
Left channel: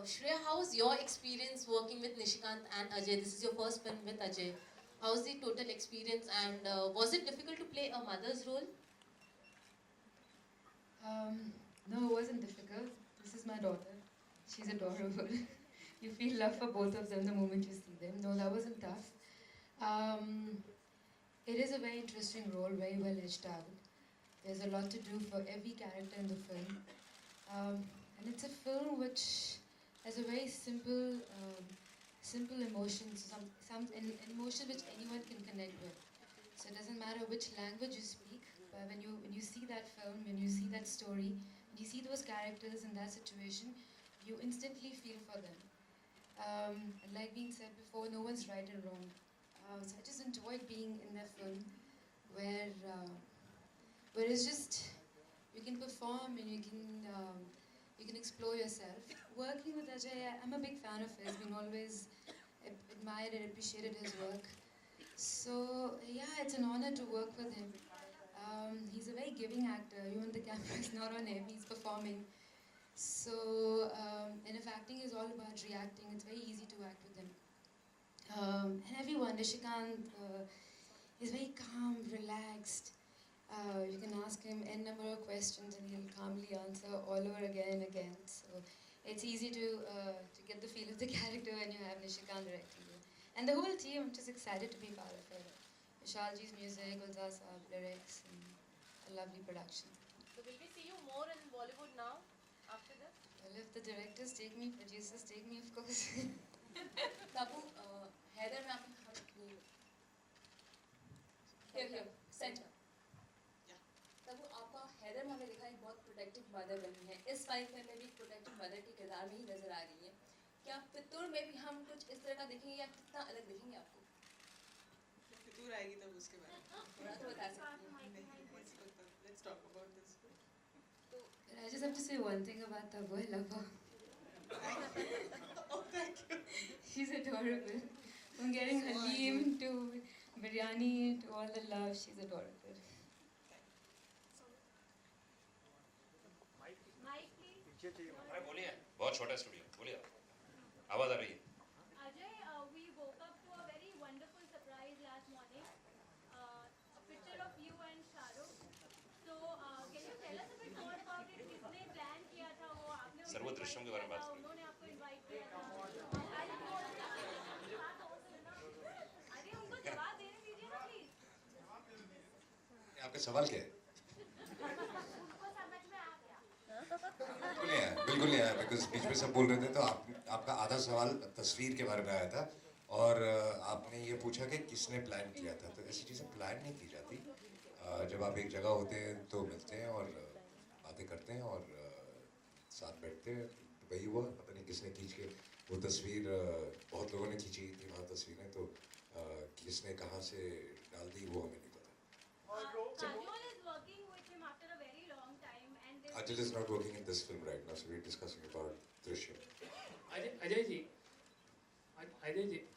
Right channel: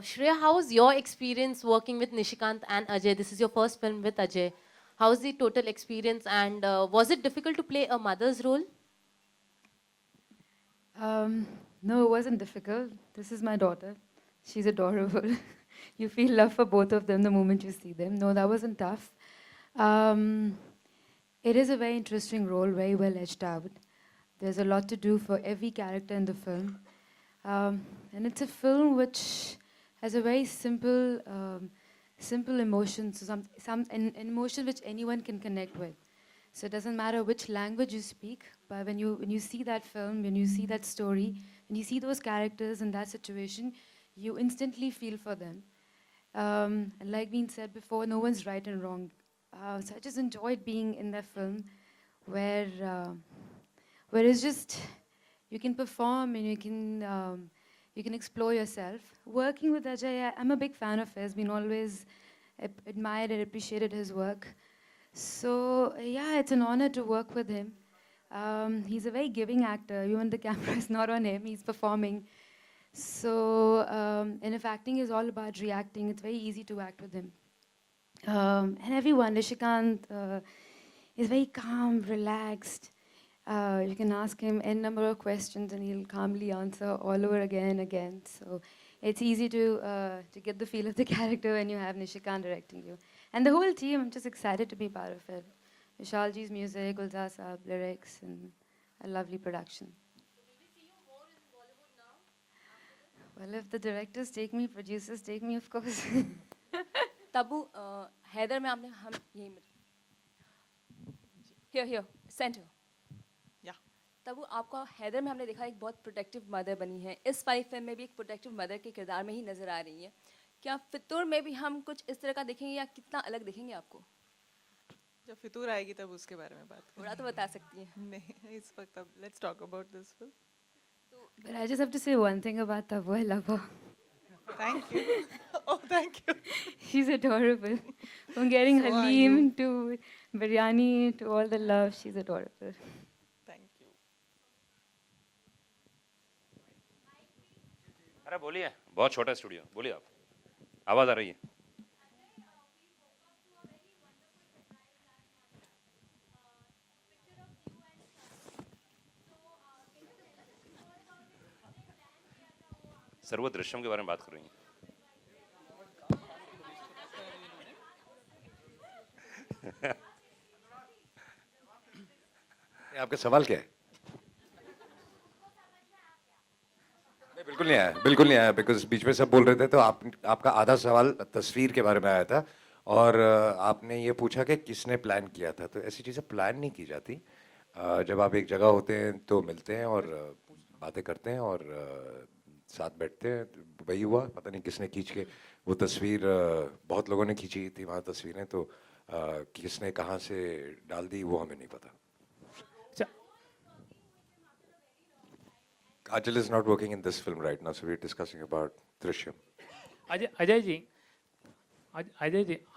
Shreya, how was your experience working with Nishikant and Ajay? This is your first film with Ajay. How was the total experience, and was it difficult to play a mother's role? No, it wasn't difficult. This is my daughter. She's adorable. You feel love for both of them the moment you see them. No, that wasn't tough. It is a very interesting role, very well edged out. There's a lot to do for every character in the film. And it's a film which has a very simple emotions, an emotion which anyone can connect with. So it doesn't matter which language you speak, but when you see that film, when you see that story, when you see those characters in that situation, you instantly feel for them. And like being said before, no one's right and wrong. So I just enjoyed being in that film where it's just, you can perform and you can explore yourself. Working with Ajay, I'm a big fan of his. Been always admired and appreciated his work. So yeah, it's an honor to work with him. He's a very giving actor. Even the camera is not on him, he's performing. So, and if acting is all about reacting, it's very easy to act with him. And everyone, Nishikant is very calm, relaxed. You can ask him n number of questions and he'll calmly answer all over again and again. So it's easy to get the feel of the character when you have Nishikant directing you. And the whole team, I'm just excited to be part of it. Vishalji's music, Gulzar Saab, lyrics, and a lovely production. So will we see you more in Bollywood now, after this? Well, if the directors take me, producers take me, of course. Tabu Haider में आपने हम यही here centre. या तब आपका हैदर में हमने देखा एक बहुत प्रोटेक्टिव मदर बनी है, इस फाइव फिल्म में भी एक प्रोटेक्टिव मदर के किरदार में ही नजर आ रही है। क्या फितूर में भी हम कुछ इस तरह का देखेंगे या कितना अलग देखेंगे आपको? जब फितूर आएगी तब उसके बारे में बात थोड़ा तो बता सकती हैं। नहीं इस वक्त अब let's talk about this film. But I just have to say one thing about Tabu. I love her. Thank you. Oh, thank you. She's adorable. From getting So are Halim you. to biryani to all the love, she's adorable. Thank you. अरे बोलिए, बहुत छोटा studio, बोलिए आप, आवाज आ रही है। Ajay, we woke up to a very wonderful surprise last morning. A picture of you and Shahrukh. So, can you tell us a bit more about it? किसने plan किया था वो? आपने सर वो दृश्यम के बारे में बात कर रही हैं। उन्होंने आपको invite किया था? जवाब देने दीजिए ना please. आपका सवाल क्या है? उसको समझ में आ गया. बिल्कुल नहीं आया, बिल्कुल नहीं आया, बिकॉज बीच में सब बोल रहे थे तो आपका आधा सवाल तस्वीर के बारे में आया था और आपने ये पूछा कि किसने प्लान किया था। तो ऐसी चीज़ें प्लान नहीं की जाती। जब आप एक जगह होते हैं तो मिलते हैं और बातें करते हैं और साथ बैठते हैं। वही हुआ, पता नहीं किसने खींच के वो तस्वीर, बहुत लोगों ने खींची थी वहाँ तस्वीरें, तो किसने कहाँ से डाल दी वो हमें नहीं पता। Ajay is not working in this film right now, so we're discussing about Drishyam. Ajay ji,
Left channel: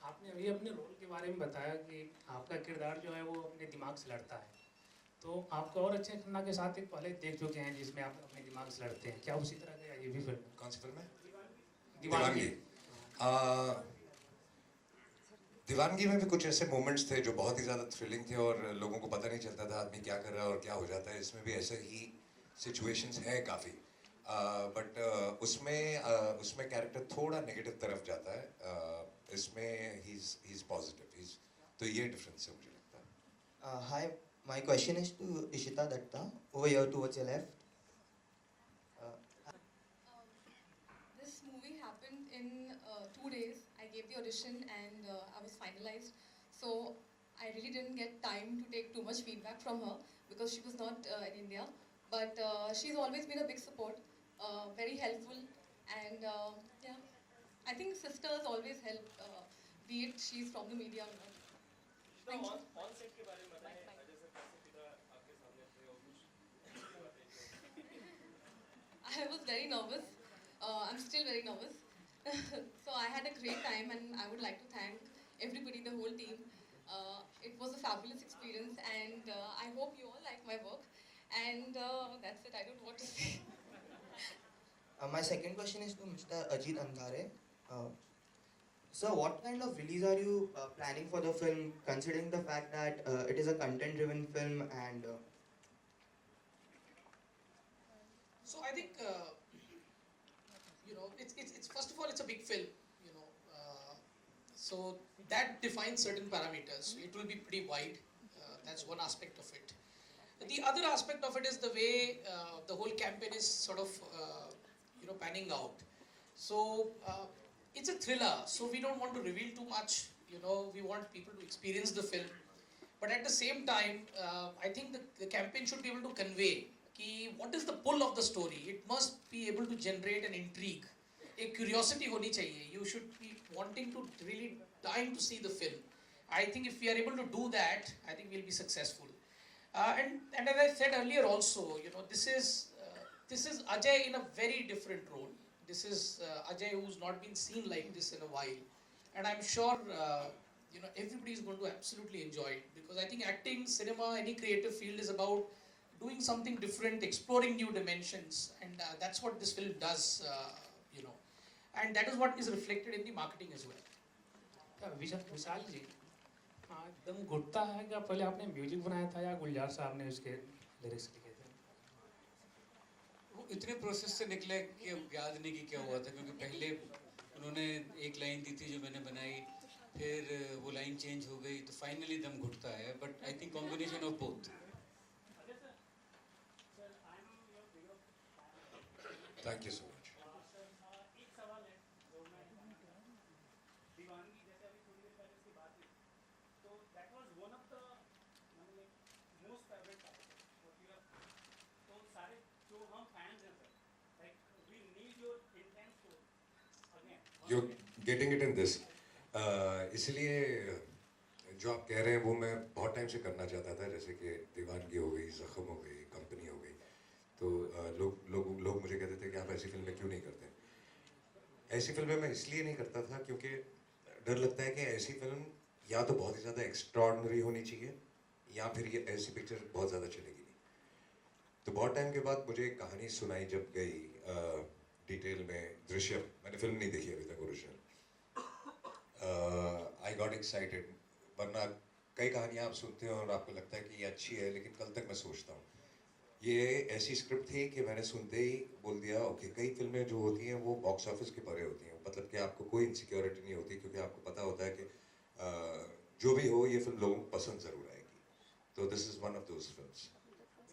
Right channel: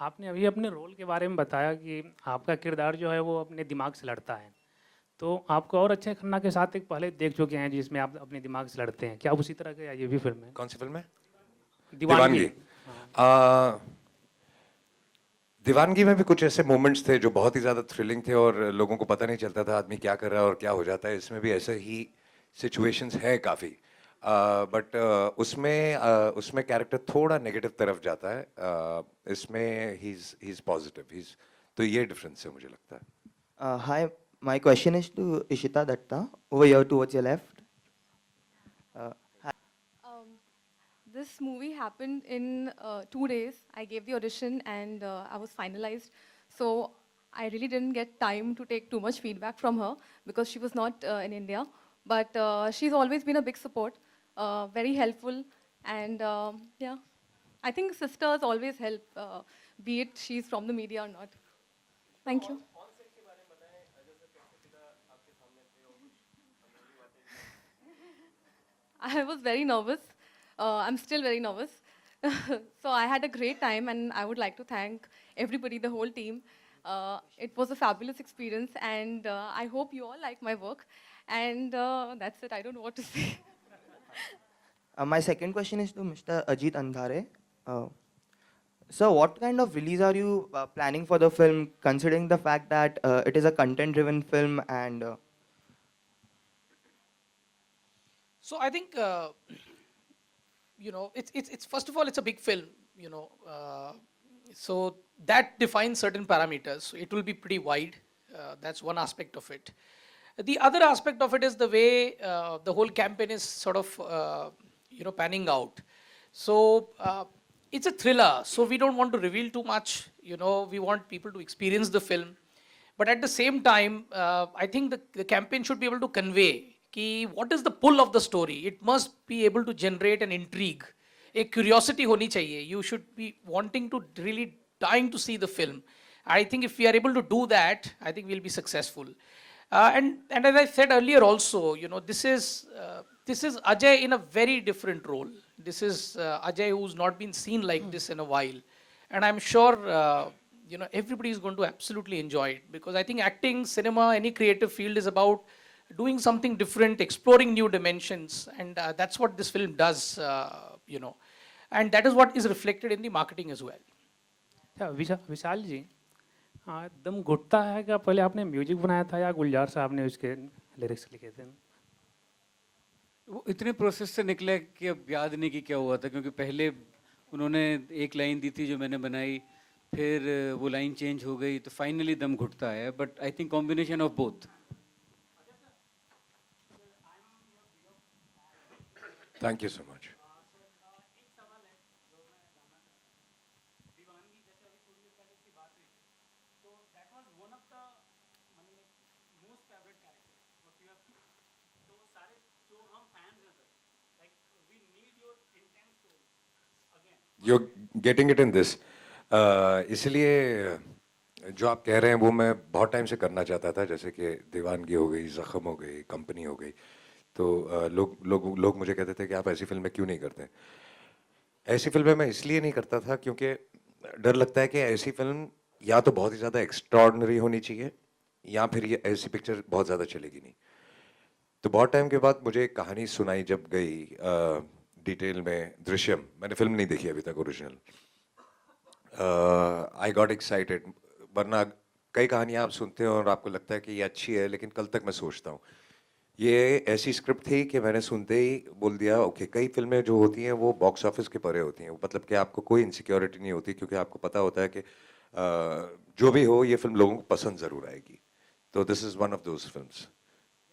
आपने अभी अपने रोल के बारे में बताया कि आपका किरदार जो है वो अपने दिमाग से लड़ता है, तो आपको और अच्छे खन्ना के साथ एक पहले देख चुके हैं जिसमें आप अपने दिमाग से लड़ते हैं, क्या उसी तरह का ये भी फिल्म है? कौन सी फिल्म है? दीवानगी। दीवानगी में भी कुछ ऐसे मोमेंट्स थे जो बहुत ही ज़्यादा थ्रिलिंग थे और लोगों को पता नहीं चलता था आदमी क्या कर रहा है और क्या हो जाता है। इसमें भी ऐसे ही सिचुएशंस है काफ़ी, बट उसमें कैरेक्टर थोड़ा नेगेटिव तरफ जाता है। इसमें ही इज़ पॉजिटिव, तो ये डिफरेंस है मुझे लगता है। Hi, my question is to Ishita Datta, over here towards your left. This movie happened in 2 days. I gave the audition and I was finalized. So I really didn't get time to take too much feedback from her because she was not in India. But she's always been a big support, very helpful. And yeah, I think sisters always help, be it she's from the media or not. Thank you. I was very nervous. I'm still very nervous. So I had a great time and I would like to thank everybody, the whole team. It was a fabulous experience and I hope you all like my work. And that's it, I don't know what to say. My second question is to Mr. Ajit Andhare. Sir, what kind of release are you planning for the film, considering the fact that it is a content-driven film and... So I think, you know, it's first of all, it's a big film, you know, so that defines certain parameters. So it will be pretty wide. That's one aspect of it. The other aspect of it is the way the whole campaign is sort of, you know, panning out. So it's a thriller, so we don't want to reveal too much. You know, we want people to experience the film. But at the same time, I think the campaign should be able to convey कि what is the pull of the story. It must be able to generate an intrigue. एक curiosity होनी चाहिए. You should be wanting to really dying to see the film. I think if we are able to do that, I think we'll be successful. And as I said earlier also, you know, this is Ajay in a very different role. This is Ajay who's not been seen like this in a while. And I'm sure, you know, everybody is going to absolutely enjoy it because I think acting, cinema, any creative field is about doing something different, exploring new dimensions, and that's what this film does, you know, and that is what is reflected in the marketing as well. विशाल जी, दम घुटता है क्या पहले आपने music बनाया था या गुलजार साहब ने उसके लिरिक्स लिखे थे? वो इतने प्रोसेस से निकला कि अब याद नहीं कि क्या हुआ था, क्योंकि पहले उन्होंने एक लाइन दी थी जो मैंने बनाई, फिर वो लाइन चेंज हो गई, तो फाइनली दम घुटता है. But I think combination of both. Thank you so much. You getting it in this, इसलिए जो आप कह रहे हैं वो मैं बहुत टाइम से करना चाहता था, जैसे कि दीवानगी हो गई, जख्म हो गई, कंपनी हो गई। तो लोग मुझे कहते थे कि आप ऐसी फिल्में क्यों नहीं करते। ऐसी फिल्में मैं इसलिए नहीं करता था क्योंकि डर लगता है कि ऐसी फिल्म या तो बहुत ही ज़्यादा एक्स्ट्रॉर्डनरी होनी चाहिए, या फिर ये ऐसी पिक्चर बहुत ज़्यादा चलेगी नहीं। तो बहुत टाइम के बाद मुझे एक कहानी सुनाई जब गई डिटेल में, दृश्यम। मैंने फिल्म नहीं देखी अभी तक ओरिजिनल। आई गॉट एक्साइटेड, वरना कई कहानियाँ आप सुनते हो और आपको लगता है कि ये अच्छी है, लेकिन कल तक मैं सोचता हूँ। ये ऐसी स्क्रिप्ट थी कि मैंने सुनते ही बोल दिया ओके। कई फिल्में जो होती हैं वो बॉक्स ऑफिस के परे होती हैं, मतलब कि आपको कोई इनसिक्योरिटी नहीं होती, क्योंकि आपको पता होता है कि जो भी हो ये फिल्म लोगों को पसंद ज़रूर आएगी। तो this is one of those films.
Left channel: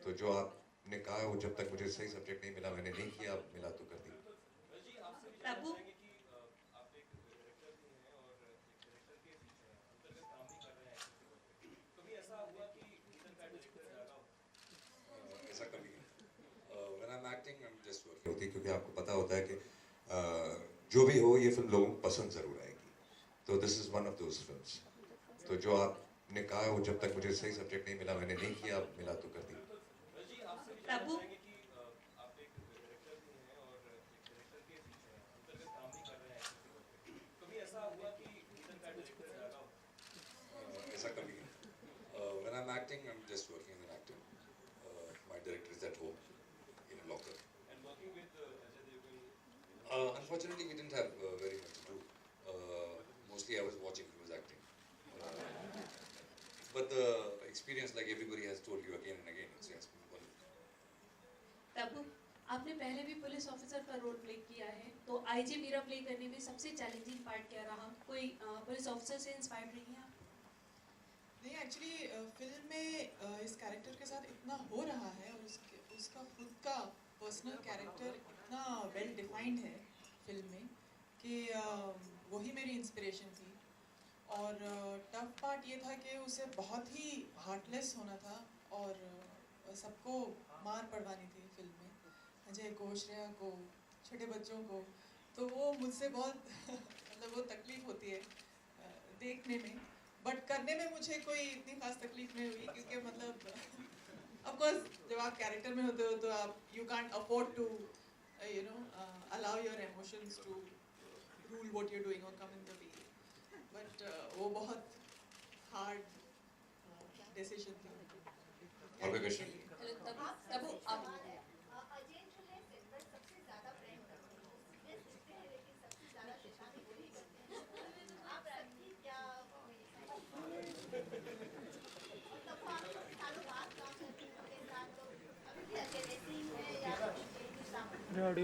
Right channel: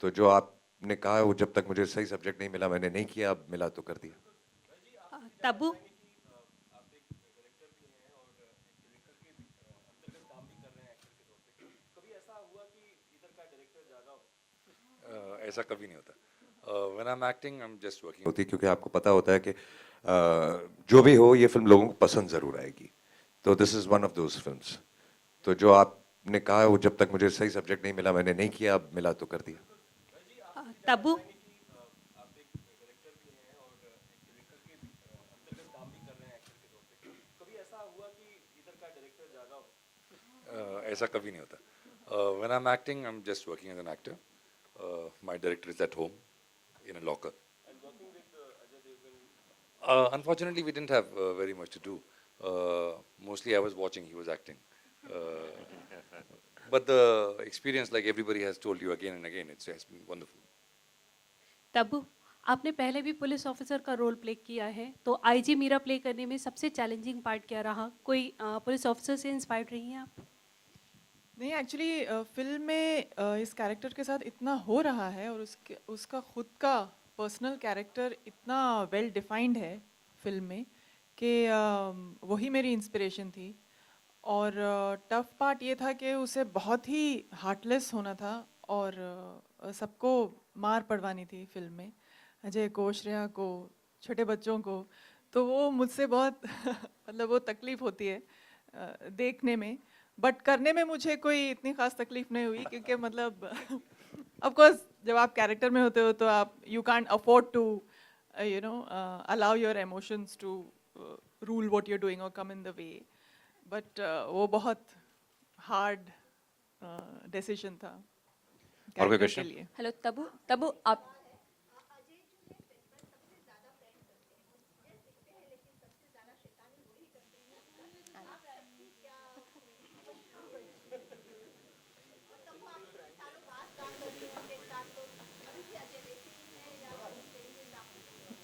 तो जो आपने कहा वो जब तक मुझे सही सब्जेक्ट नहीं मिला मैंने नहीं किया, अब मिला तो कर दिया। तबू, ऐसा कभी नहीं होता। When I am acting I am just working होती, क्योंकि आपको पता होता है कि जो भी हो ये फिल्म लोगों को पसंद ज़रूर आएगी। तो this is one of those films. तो जो आपने कहा वो जब तक मुझे सही सब्जेक्ट नहीं मिला मैंने नहीं किया, अब मिला तो कर दिया। तबू, ऐसा कभी नहीं होता। When I am acting I am just working as an actor. My director is at home in a locker. Unfortunately, we didn't have very much to do. Mostly, I was watching; he was acting. But the experience, like everybody has told you again and again, it's wonderful. Tabu, आपने पहले भी police officer का role play किया है, तो IG Meera play करने में सबसे चैलेंजिंग पार्ट क्या रहा? कोई पुलिस ऑफिसर से इंस्पायर्ड रही हैं आप? नहीं, एक्चुअली फिल्म में इस कैरेक्टर के साथ इतना हो रहा है, और उसका खुद का पर्सनल कैरेक्टर इतना वेल डिफाइंड है फिल्म में कि वही मेरी इंस्पिरेशन थी। और टफ पार्ट ये था कि उसे बहुत ही हार्टलेस होना था, और सबको मार पड़वानी थी फिल्म में, अजय को, श्रेया को, छोटे बच्चों को। तो वो मुझसे बहुत मतलब वो तकलीफ़ होती है देखने में, बट करने में मुझे कोई इतनी खास तकलीफ नहीं हुई, क्योंकि मतलब ऑफ कोर्स जब आप कैरेक्टर में होते हो तो आप you can't afford to you know allow your emotions to rule what you are doing और come in the way. But वो बहुत हार्ड डिसीजन था। और कोई क्वेश्चन? हेलो तबू, तबू आप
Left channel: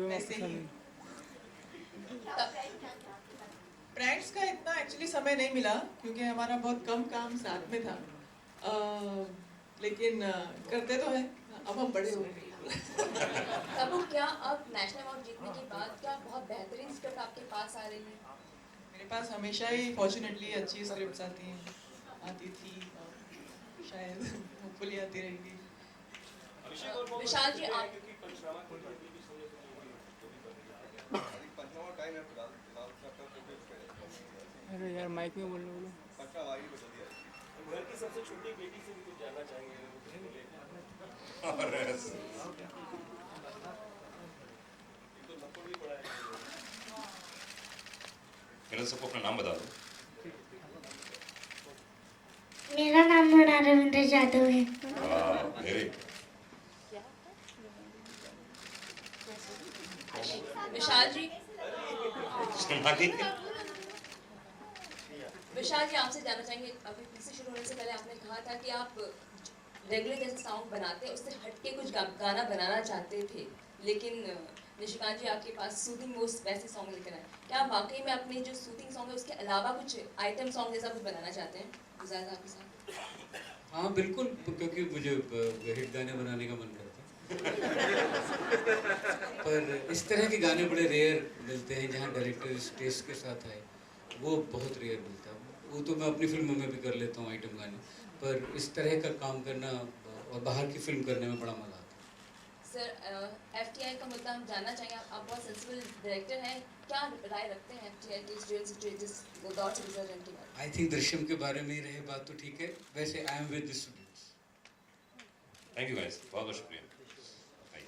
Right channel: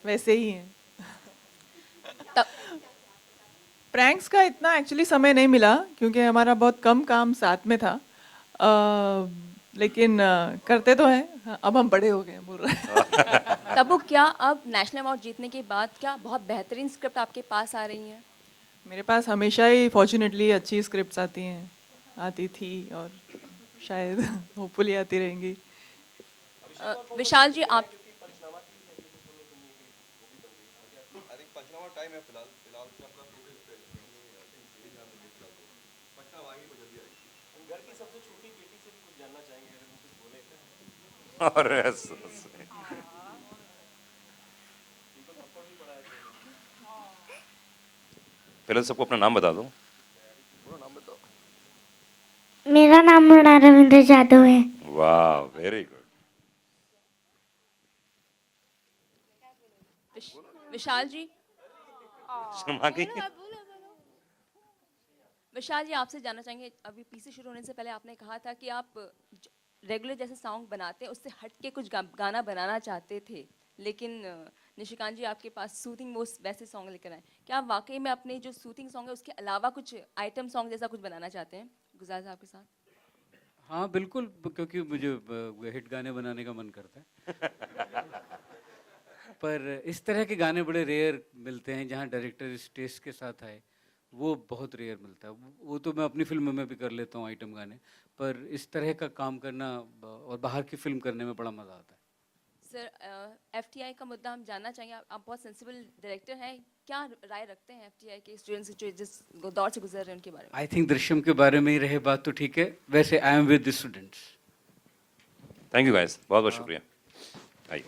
वैसे ही है। प्रैंक्स का इतना एक्चुअली समय नहीं मिला, क्योंकि हमारा बहुत कम काम साथ में था। लेकिन करते तो हैं, अब हम बड़े हो गए हैं बोल रहे। तबू, क्या अब नेशनल अवार्ड जीतने के बाद क्या बहुत बेहतरीन स्क्रिप्ट आपके पास आ रही हैं? मेरे पास हमेशा ही फॉर्चुनेटली अच्छी स्क्रिप्ट्स आती हैं, आती थी, और शायद होपफुली आती रहेंगी। विशाल जी आप अरे यार माइक में बोलो। और फिलहाल सबको अपना नाम बता दो। मेरा नाम रविंद्र जादव है। वाह, वेरी। विशाल जी, विशाल जी आपसे जानना चाहेंगे, अभी पीछे शुरू होने से पहले आपने कहा था कि आप रेगुलर जैसे सॉन्ग बनाते उससे हट के कुछ गाना बनाना चाहते थे, लेकिन निशिकांत जी आपके पास सूथिंग वो वैसे सॉन्ग लेकर आए। क्या आप वाकई में अपने जो सूथिंग सॉन्ग है उसके अलावा कुछ आइटम सॉन्ग जैसा कुछ बनाना चाहते हैं गुलजार साहब के साथ? हाँ बिल्कुल, क्योंकि मुझे हिट गाने बनाने का मन करता है। पर इस तरह के गाने बड़े रेयर मिलते हैं जहाँ डायरेक्टर इस टेस्ट के साथ आए, वो बहुत रेयर मिलता है। वो तो मैं अपनी फिल्मों में भी कर लेता हूँ आइटम गाने, पर इस तरह का काम करना और बाहर की फिल्म करने में बड़ा मज़ा आता है। सर, FTR टीआई का मुद्दा हम जानना चाहेंगे। आप बहुत सेंसिबल डायरेक्टर हैं, क्या राय रखते हैं टीआई के स्टूडेंट्स जो जिस दौर से गुजर रहे हैं उनके बारे में? आई थिंक दृश्यम के बारे में ही रहे बात तो ठीक है, वैसे I am with the students. Thank you guys, बहुत बहुत शुक्रिया। आइए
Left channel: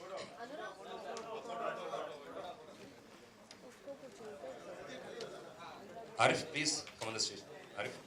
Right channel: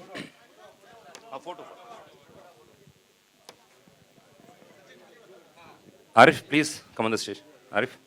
Arif, please come on the stage. Arif,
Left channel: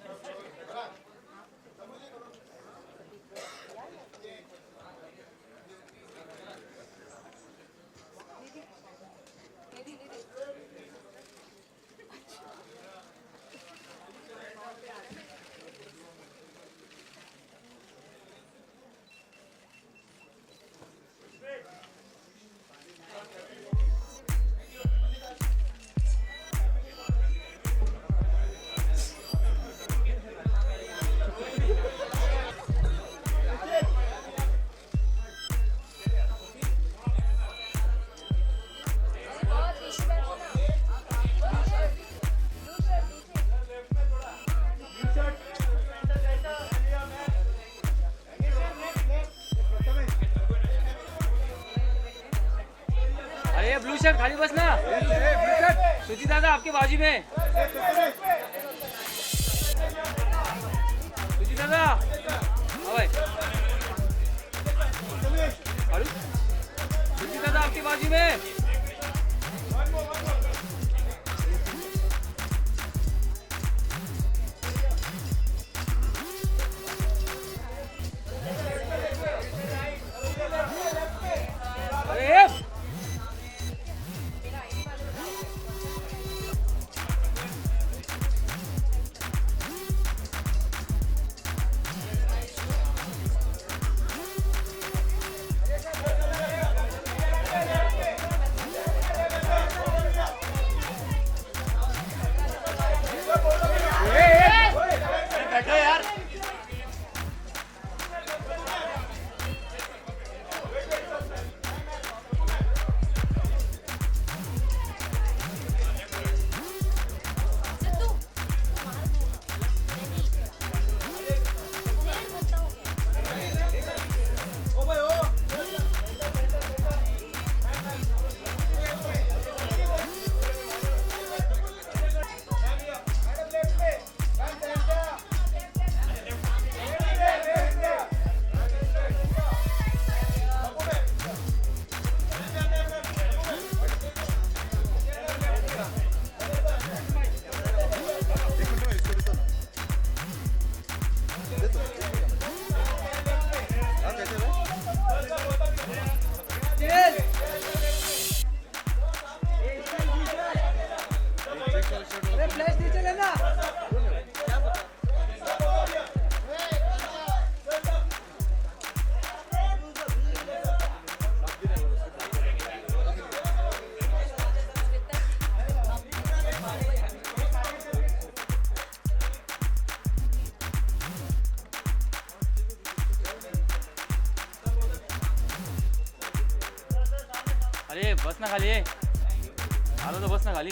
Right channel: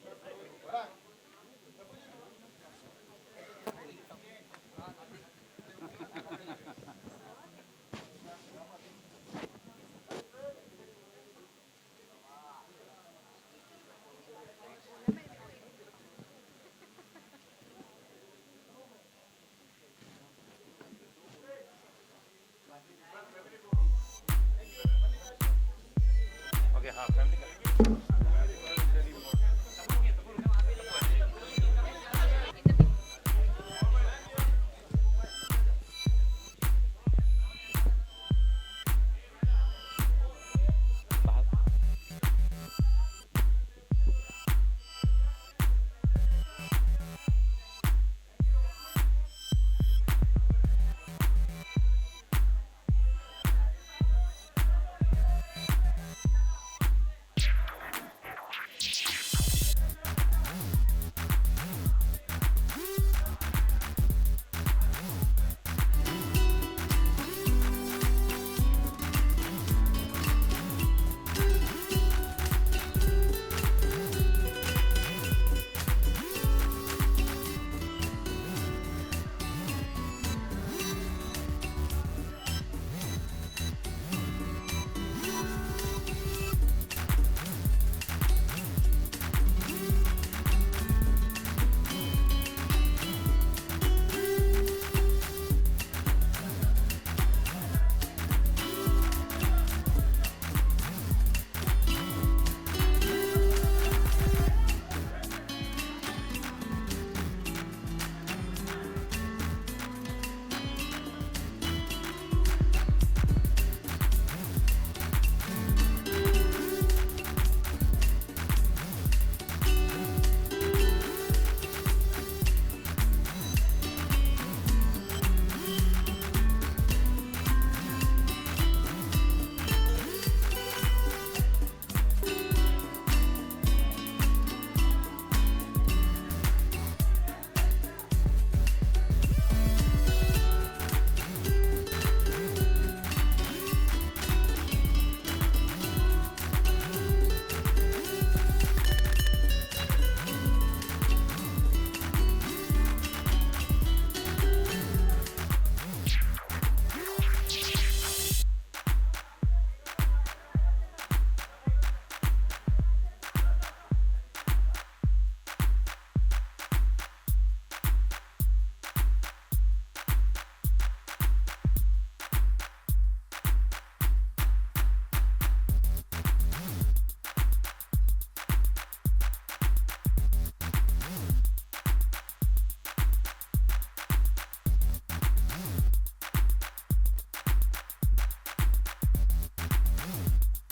खाली बस ना, सुजी दादा आपके बाजू में, सुजी दादा, ओए, सुजी दादा आपके बाजू में। बस ना खाली, आलो तो बस ना खाली।